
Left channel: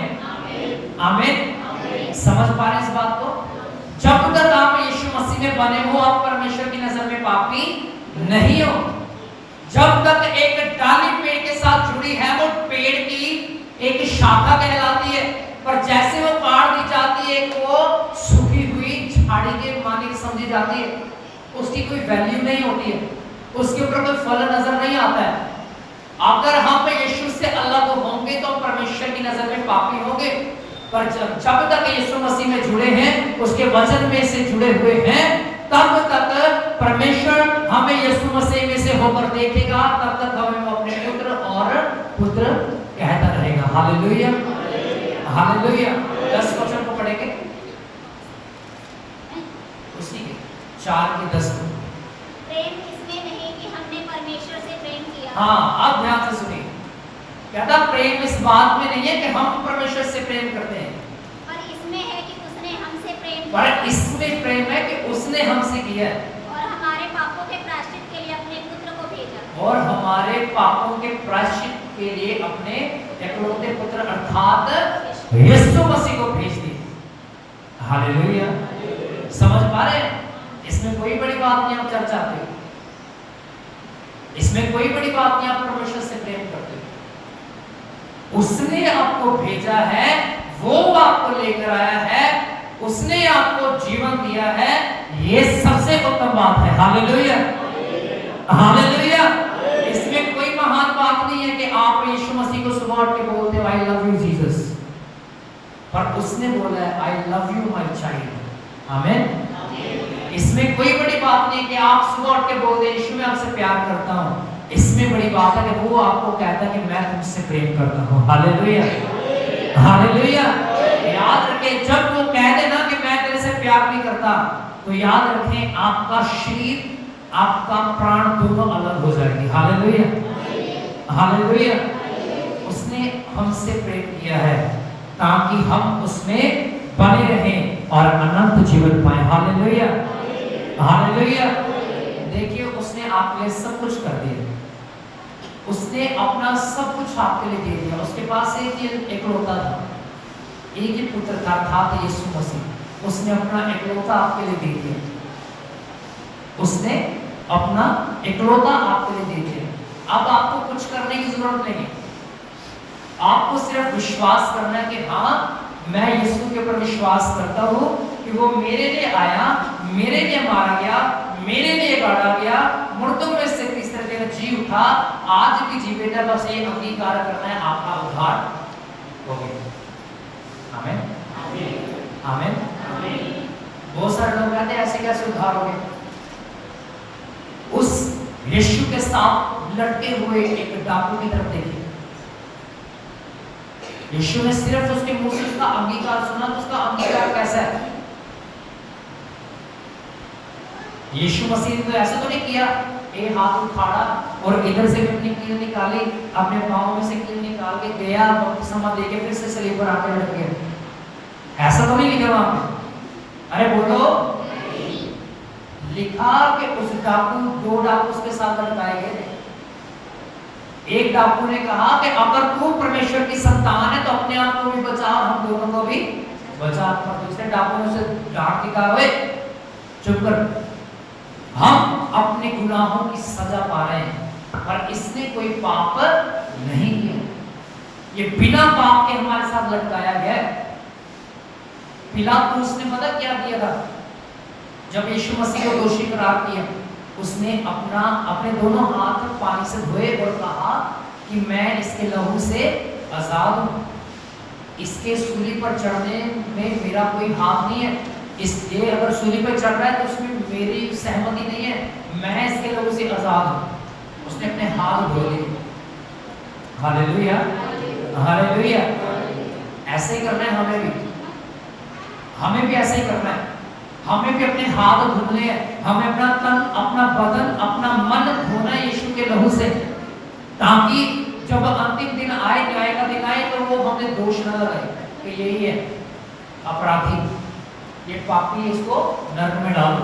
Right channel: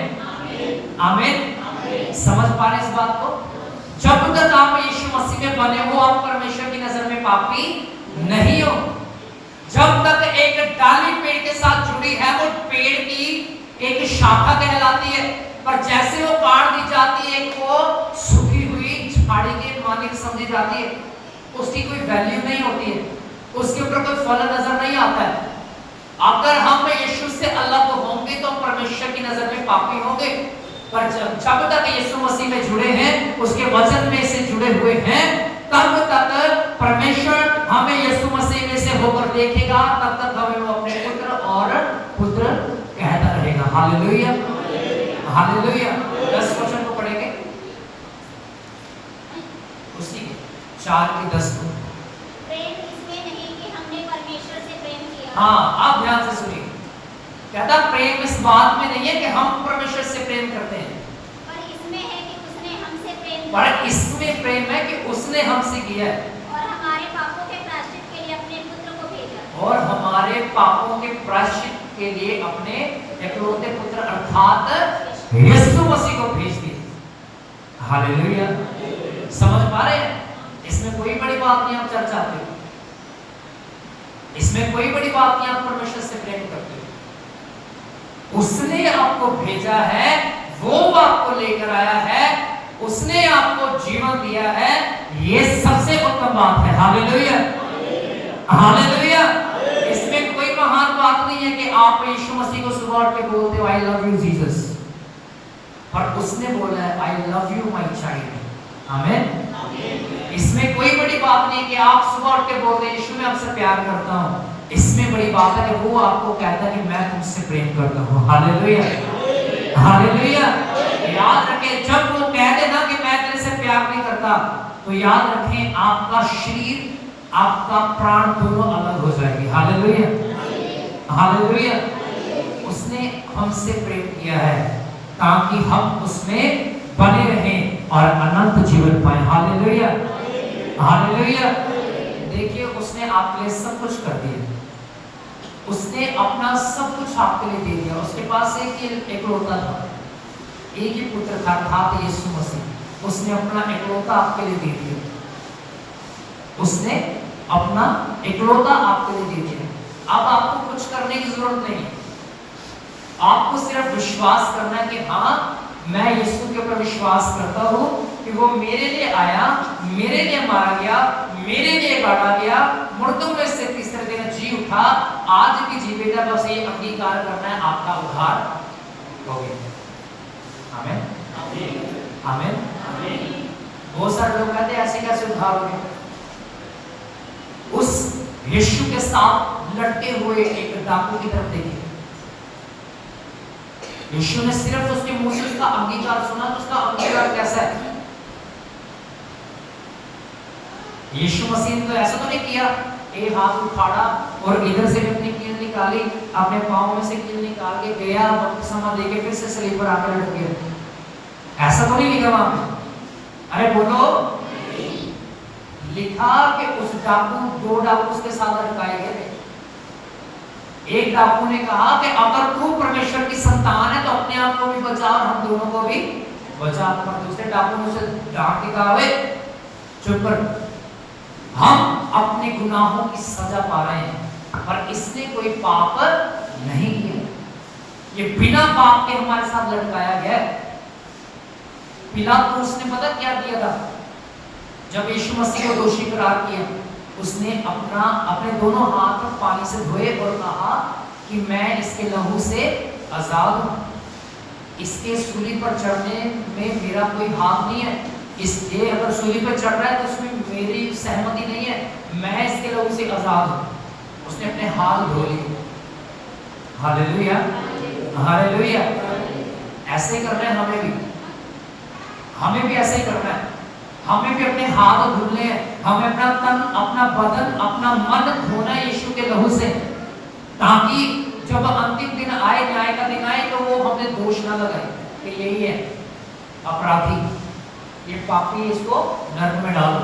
आमीन। समझ पा रहे इस बात को? जब तक आप यीशु मसीह में बने हो, आप परमेश्वर की नजर में पापी नहीं हो। जब तक एक डाली पेड़ के साथ जुड़ी है, वो पेड़ की एक शाखा कहलाती है, पर जैसे वो काट दी जाती है, वो सूखी हुई झाड़ी के मानी समझी जाती है, उसकी कोई वैल्यू नहीं होती है, उसके ऊपर कोई फल नजर नहीं आता है। अगर हम यीशु से अलग होंगे तो परमेश्वर की नजर में पापी होंगे। पर जब तक यीशु मसीह में जुड़े हैं, उसके वचन में से जुड़े हुए हैं, तब तक परमेश्वर हमें यीशु मसीह में से होकर देखेगा, तब तक हमें वो अपने पुत्र और पुत्र कहता रहेगा। Hallelujah, hallelujah. 10 वचन को पढ़ेंगे, उसी 4 के 10 को। प्रेम इसमें नहीं कि हमने परमेश्वर से प्रेम किया। हाँ, आप ध्यान से सुनिए। कहता प्रेम इस बात में नहीं है कि हम परमेश्वर से प्रेम करते हैं, पर इसमें है कि उसने हमसे प्रेम किया पर इसमें प्रेम है कि उसने हमसे किया है और हमारे पापों के प्रायश्चित के लिए अपने पुत्र को भेजा। और हमारे पापों के प्रायश्चित के लिए अपने इकलौते पुत्र अर्थात यीशु मसीह को भेज दिया। हालेलुया। समझ पा रहे हैं? इसमें कोई बड़ी बात नहीं आप चर्चा आते हो, इसमें कोई बड़ी बात नहीं आप परमेश्वर से प्रेम करते हो। उसने आपको भेजा है, वो आपको लेकर आया है, उसने आपको जीवन दिया है, ये सबसे उत्तम बात है। Hallelujah, hallelujah. इसमें कोई महान बात नहीं है कि आप यीशु मसीह को सुबह उठ के बोलते हो आई लव यू जीसस, पर उसने बोला है I love you my child. आमीन। इसमें कोई बड़ी बात नहीं कि आप सुबह उठ के बोलते हैं यीशु मैं आपसे प्यार करता हूं। इसमें बड़ी बात है कि वो आपको कहता है कि मैं तुमसे प्रेम करता हूं। Hallelujah, hallelujah. याद रखें, जब वो कह देना कि मैं तेरे से प्यार नहीं करता, तो याद रखें आपका शरीर आपका प्राण दोनों अलग हो जाएंगे। Hallelujah, hallelujah. उसने हमसे प्रेम किया है ताकि हम उसमें बने रहें और अनंत जीवन पाएं। Hallelujah, hallelujah. देखिए उसने आपके लिए सब कुछ कर दिया, उसने अपना सब कुछ आपके लिए दे दिया। उसके पास एक इकलौता था, एक ही पुत्र था अर्थात यीशु मसीह। उसने अपना इकलौता आपके लिए दे दिया, उसने अपना इकलौता आपके लिए दे दिया। अब आपको कुछ करने की जरूरत नहीं है, आपको सिर्फ विश्वास करना है कि हाँ मैं यीशु के ऊपर विश्वास करता हूँ कि वो मेरे लिए आया, मेरे लिए मारा गया, मेरे लिए गाड़ा गया, मुर्दों में से तीसरे दिन जी उठा, आज भी जीवित है। बस ये अंगीकार करना है, आपका उद्धार हो गया। आमीन, आमीन, आमीन। बहुत सारे लोग कहते हैं ऐसे कैसे उद्धार हो गया। उस यीशु के साथ लटके हुए एक डाकू की तरफ देखिए। यीशु ने सिर्फ उसके मुंह से उसका अंगीकार सुना, तो उसका अंगीकार कैसा है? यीशु मसीह ने तो ऐसा तो नहीं किया, एक हाथ उठाड़ा और इधर से भी अपनी कील निकाली, अपने पाँव में से कील निकाल के गया, बपतिस्मा दे के फिर से सलीब पर आकर लग गया। ऐसा तो नहीं लिखा वहां पे। अरे बोलो, लिखा कि उस डाकू, दो डाकू उसके साथ लटकाए गए थे। एक डाकू ने कहा कि अगर तू परमेश्वर की संतान है तो अपने आप को भी बचा और हम दोनों को भी बचा। पर दूसरे डाकू ने उसे डांट के कहा, चुप कर, हम अपने गुनाहों की सजा पा रहे हैं, पर इसने कोई पाप नहीं किया। ये बिना पाप के हमारे साथ लटकाया गया है। पिलातुस ने पता क्या किया था? जब यीशु मसीह को दोषी करार किया, उसने अपने दोनों हाथ पानी से धोए और कहा कि मैं इसके लहू से आजाद हूं, इसके सूली पर चढ़ने में मेरा कोई हाथ नहीं है, इसलिए अगर सूली पर चढ़ रहा है तो उसमें मेरी सहमति नहीं है, मैं इसके लहू से आजाद हूं। उसने अपने हाथ धो लिए। Hallelujah, hallelujah. ऐसे ही करना है हमें भी ऐसे ही करना है। हमें भी अपने हाथ धुलने हैं, हमें अपना तन, अपना बदन, अपना मन धोना है यीशु के लहू से, ताकि जब अंतिम दिन आए, न्याय का दिन आए, तो वो हमें दोष न लगाए कि यही है अपराधी, ये पापी, इसको नरक में डालो।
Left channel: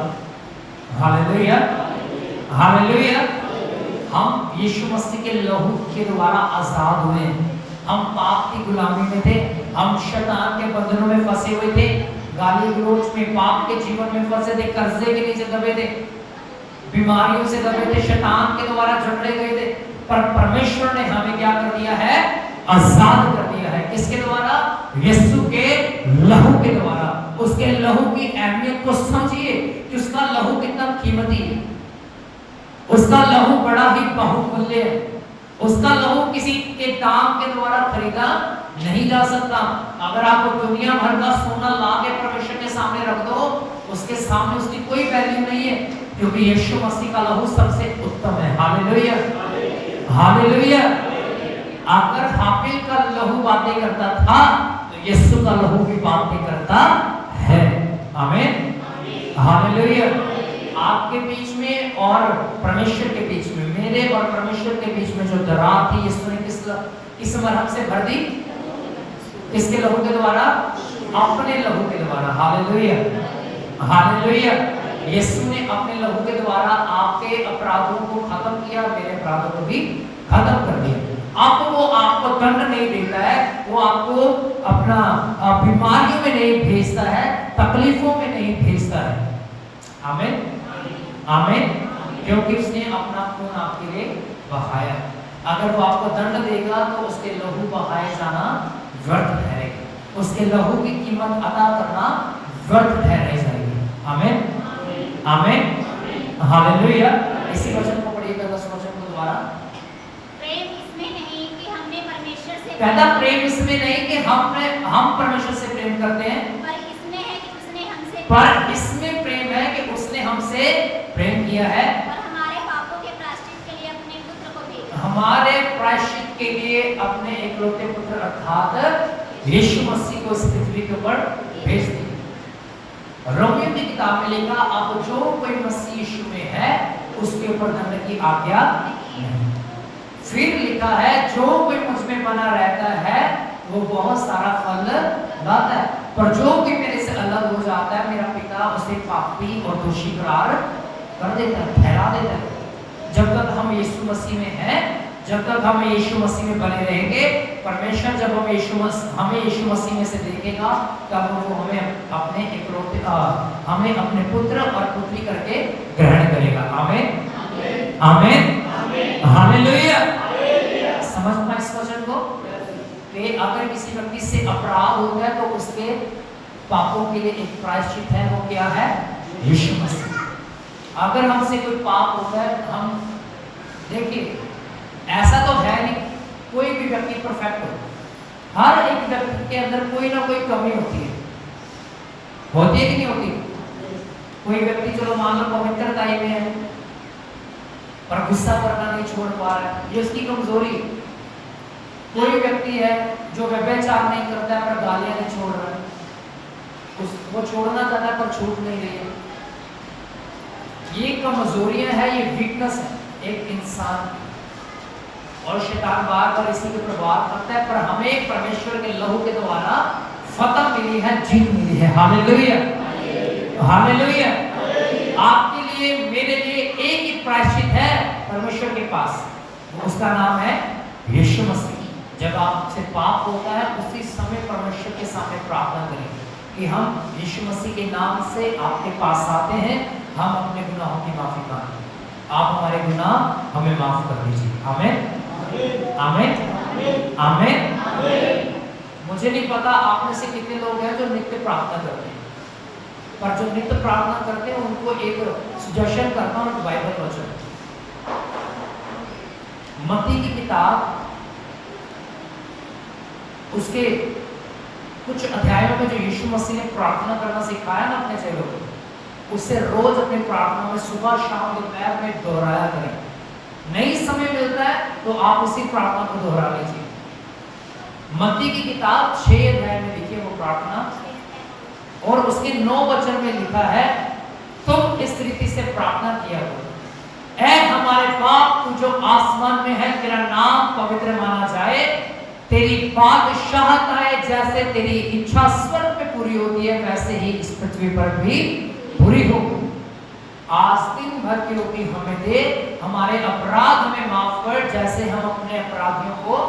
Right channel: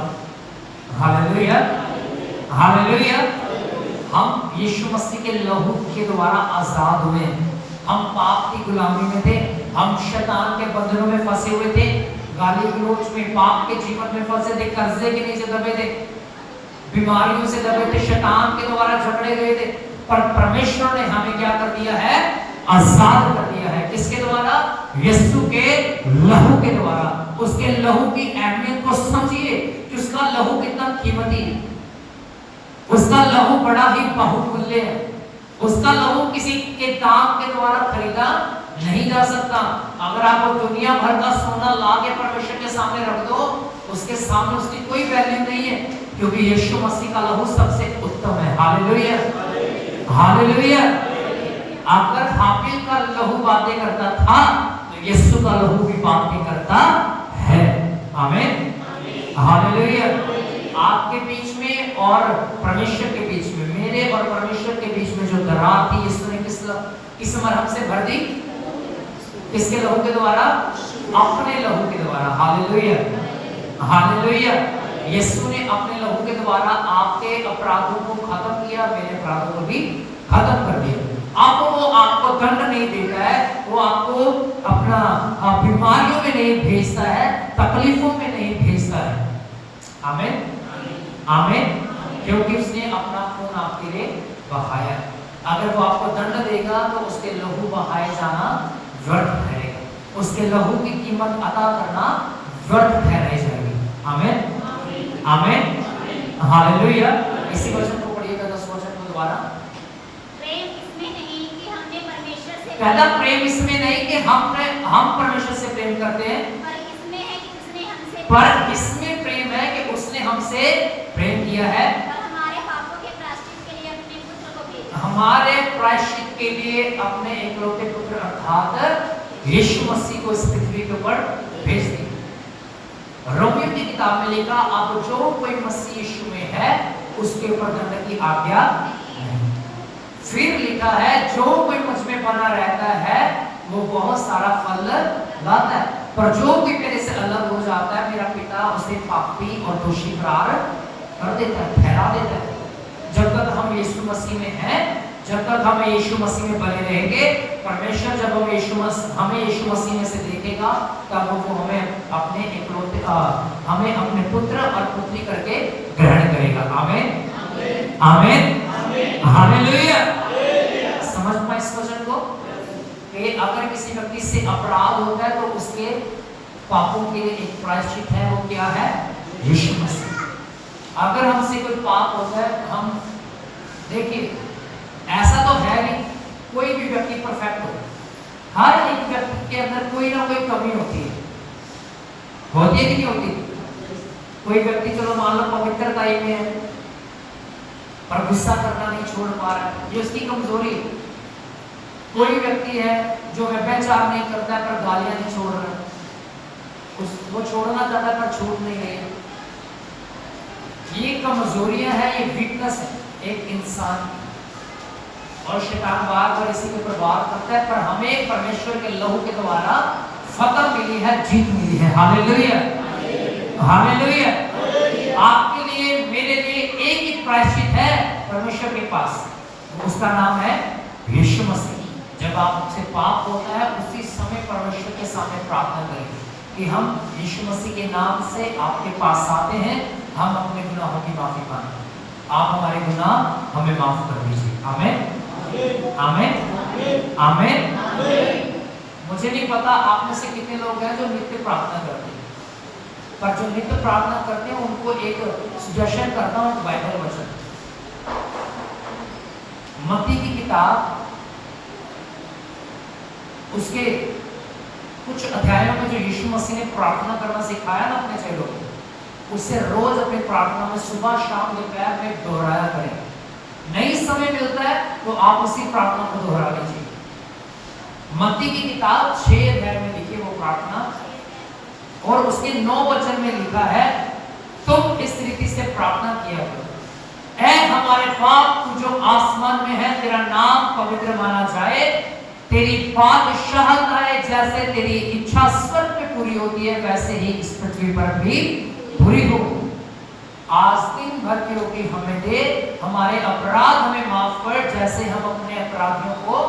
Hallelujah, hallelujah. हम यीशु मसीह के लहू के द्वारा आजाद हुए। हम पाप की गुलामी में थे, हम शैतान के बंधनों में फंसे हुए थे, गाली गलौज में, पाप के जीवन में फंसे थे, कर्जे के नीचे दबे थे, बीमारियों से दबे थे, शैतान के द्वारा झगड़े गए थे। पर परमेश्वर ने हमें क्या कर दिया है? आजाद कर दिया है। किसके द्वारा? यीशु के लहू के द्वारा। उसके लहू की अहमियत को समझिए कि उसका लहू कितना कीमती है। उसका लहू बड़ा ही बहुमूल्य है। उसका लहू किसी के दाम के द्वारा खरीदा नहीं जा सकता। अगर आप दुनिया भर का सोना ला के परमेश्वर के सामने रख दो, उसके सामने उसकी कोई वैल्यू नहीं है, क्योंकि यीशु मसीह का लहू सबसे उत्तम है। Hallelujah, hallelujah. अगर हाबिल का लहू बातें करता था, तो यीशु का लहू भी बातें करता है। आमीन, हालेलुया। आपके बीच में और परमेश्वर के बीच में, मेरे और परमेश्वर के बीच में जो दरार थी, यीशु ने किस मरहम से भर दी? किसके लहू के द्वारा? अपने लहू के द्वारा। Hallelujah, hallelujah. यीशु ने अपने लहू के द्वारा आपके अपराधों को खत्म किया, मेरे अपराधों को भी खत्म कर दिया। आपको दंड नहीं देता है, वो आपको अपना बीमारियों में नहीं भेजता है, तकलीफों में नहीं भेजता है। आमीन, आमीन। क्योंकि उसने अपना खून आपके लिए बहाया। अगर वो आपको दंड देगा तो उसके लहू बहाए जाना व्यर्थ है, उसके लहू की कीमत अदा करना व्यर्थ ठहराई जाएगी। आमीन, आमीन, हालेलुया। इसी वचन को पढ़िएगा, 10 वचन को दोबारा। प्रेम इसमें नहीं कि हमने परमेश्वर से, कहता प्रेम इसमें नहीं कि हम परमेश्वर से प्रेम करते हैं, पर इसमें है कि उसने हमसे, पर इसमें प्रेम है कि उसने हमसे प्रेम किया है, और हमारे पापों के प्रायश्चित के लिए अपने पुत्र को भेजा। हमारे प्रायश्चित के लिए अपने एकलौते पुत्र अर्थात यीशु मसीह को इस पृथ्वी के ऊपर भेज दिया। रोमियो की किताब में लिखा, अब जो कोई मसीह यीशु में है उसके ऊपर दंड की आज्ञा नहीं। फिर लिखा है, जो कोई मुझ में बना रहता है वो बहुत सारा फल लाता है, पर जो कोई मेरे से अलग हो जाता है, मेरा पिता उसे पापी और दोषी करार कर देता है, ठहरा देता है। जब तक हम यीशु मसीह में हैं, जब तक हम यीशु मसीह में बने रहेंगे, परमेश्वर जब हमें यीशु मसीह में से देखेगा, तब वो हमें अपने एकलौते हमें अपने पुत्र और पुत्री करके ग्रहण करेगा। आमीन, आमीन, हालेलुया। समझ में इस वचन को कि अगर किसी व्यक्ति से अपराध होता है तो उसके पापों के लिए एक प्रायश्चित है, वो क्या है? यीशु मसीह। अगर हमसे कोई पाप होता है, हम देखिए ऐसा तो है नहीं कोई भी व्यक्ति परफेक्ट हो, हर एक व्यक्ति के अंदर कोई ना कोई कमी होती है कि नहीं होती? कोई व्यक्ति चलो मान लो पवित्रता ही में है पर गुस्सा करना नहीं छोड़ पा रहा है, ये उसकी कमजोरी है। कोई व्यक्ति है जो व्यभिचार नहीं करता है पर गालियां नहीं छोड़ रहा है, वो छोड़ना चाहता है पर छूट नहीं रही। ये कमजोरियां है, ये वीकनेस है एक इंसान की, और शैतान बार बार इसी के प्रभाव करता है। पर हमें परमेश्वर के लहू के द्वारा फतह मिली है, जीत मिली है। Hallelujah, hallelujah. आपके लिए मेरे लिए एक ही प्रायश्चित है परमेश्वर के पास, उसका नाम है यीशु मसीह। जब आपसे पाप होता है उसी समय परमेश्वर के सामने प्रार्थना करें कि हम यीशु मसीह के नाम से आपके पास आते हैं, हम अपने गुनाहों की माफी मांगते हैं, आप हमारे गुनाह हमें माफ कर दीजिए। आमीन, आमीन, आमीन। मुझे नहीं पता आप में से कितने लोग हैं जो नित्य प्रार्थना करते हैं, पर जो नित्य प्रार्थना करते हैं उनको एक सजेशन करता हूं, बाइबल वचन मत्ती की किताब उसके कुछ अध्यायों में जो यीशु मसीह ने प्रार्थना करना सिखाया ना अपने चेलों को, उससे रोज अपनी प्रार्थना में सुबह शाम दोपहर में दोहराया करें। नहीं समय मिलता है तो आप उसी प्रार्थना को दोहरा लीजिए। मत्ती की किताब 6 अध्याय में लिखी वो प्रार्थना, और उसके 9 वचन में लिखा है, तुम इस रीति से प्रार्थना किया करो, ऐ हमारे बाप तू जो आसमान में है, तेरा नाम पवित्र माना जाए, तेरी बादशाहत आए, जैसे तेरी इच्छा स्वर्ग में पूरी होती है वैसे ही इस पृथ्वी पर भी पूरी हो। आज दिन भर की रोटी हमें दे, हमारे अपराध हमें माफ कर जैसे हम अपने अपराधियों को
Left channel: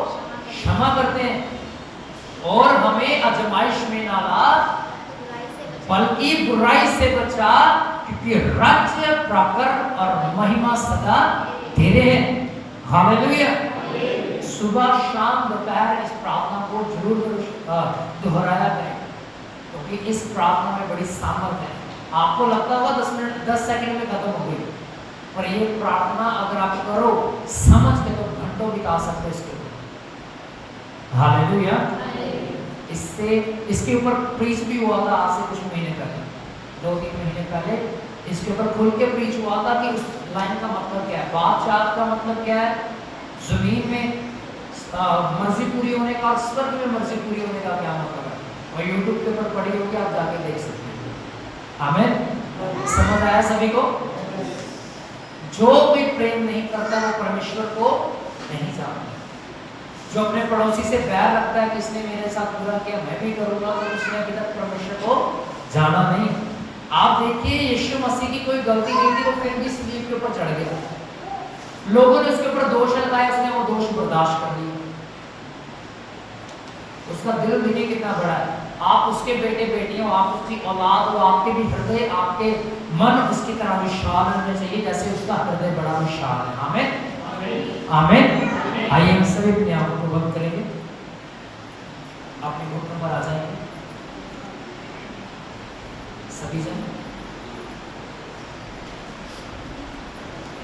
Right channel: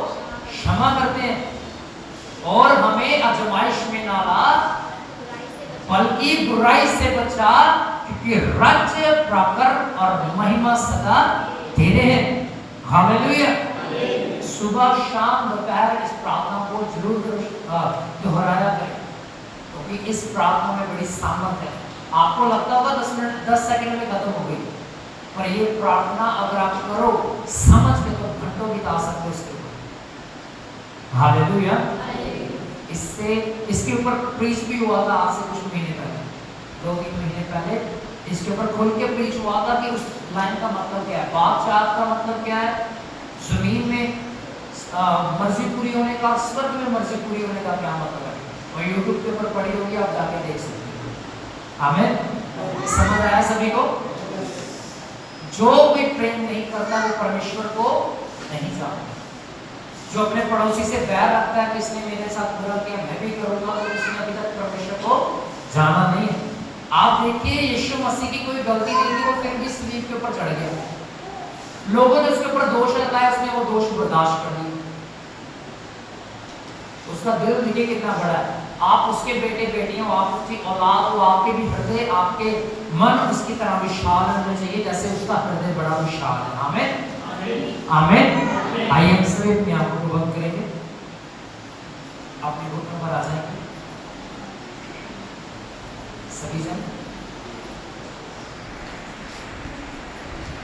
क्षमा करते हैं, और हमें आजमाइश में ना ला बल्कि बुराई से बचा, क्योंकि राज्य, प्रताप और महिमा सदा तेरे हैं। हालेलुया। सुबह शाम दोपहर इस प्रार्थना को जरूर दोहराया करें, क्योंकि इस प्रार्थना में बड़ी सामर्थ है। आपको लगता होगा 10 सेकंड में खत्म हो गई, पर ये प्रार्थना अगर आप करो समझ में तो घंटों बिता सकते हो इसके ऊपर। हालेलुया। इसके ऊपर प्रीच भी हुआ था आज से कुछ महीने पहले, 2-3 महीने पहले इसके ऊपर खुल के प्रीच हुआ था कि उस लाइन का मतलब क्या है, बादशाह का मतलब क्या है, जमीन में मर्जी पूरी होने का और स्वर्ग में मर्जी पूरी होने का क्या मतलब है, और यूट्यूब के ऊपर पड़ी होगी, आप जाके देख सकते हैं। हमें समझ आया सभी को? जो भी प्रेम नहीं करता वो परमेश्वर को नहीं जानता। जो अपने पड़ोसी से बैर रखता है कि इसने मेरे साथ बुरा किया मैं भी करूंगा, तो उसने अभी तक परमेश्वर को जाना नहीं। आप देखिए यीशु मसीह की कोई गलती नहीं थी, वो फिर भी सलीब के ऊपर चढ़ गया। लोगों ने उसके ऊपर दोष लगाया, उसने वो दोष बर्दाश्त कर लिया। उसका दिल देखिए कितना बड़ा है। आप उसके बेटे बेटियों, आप उसकी औलाद हो, आपके भी हृदय, आपके मन उसकी तरह विशाल होने चाहिए जैसे उसका हृदय बड़ा विशाल है। आमीन आमीन। आइए हम सभी अपने आप को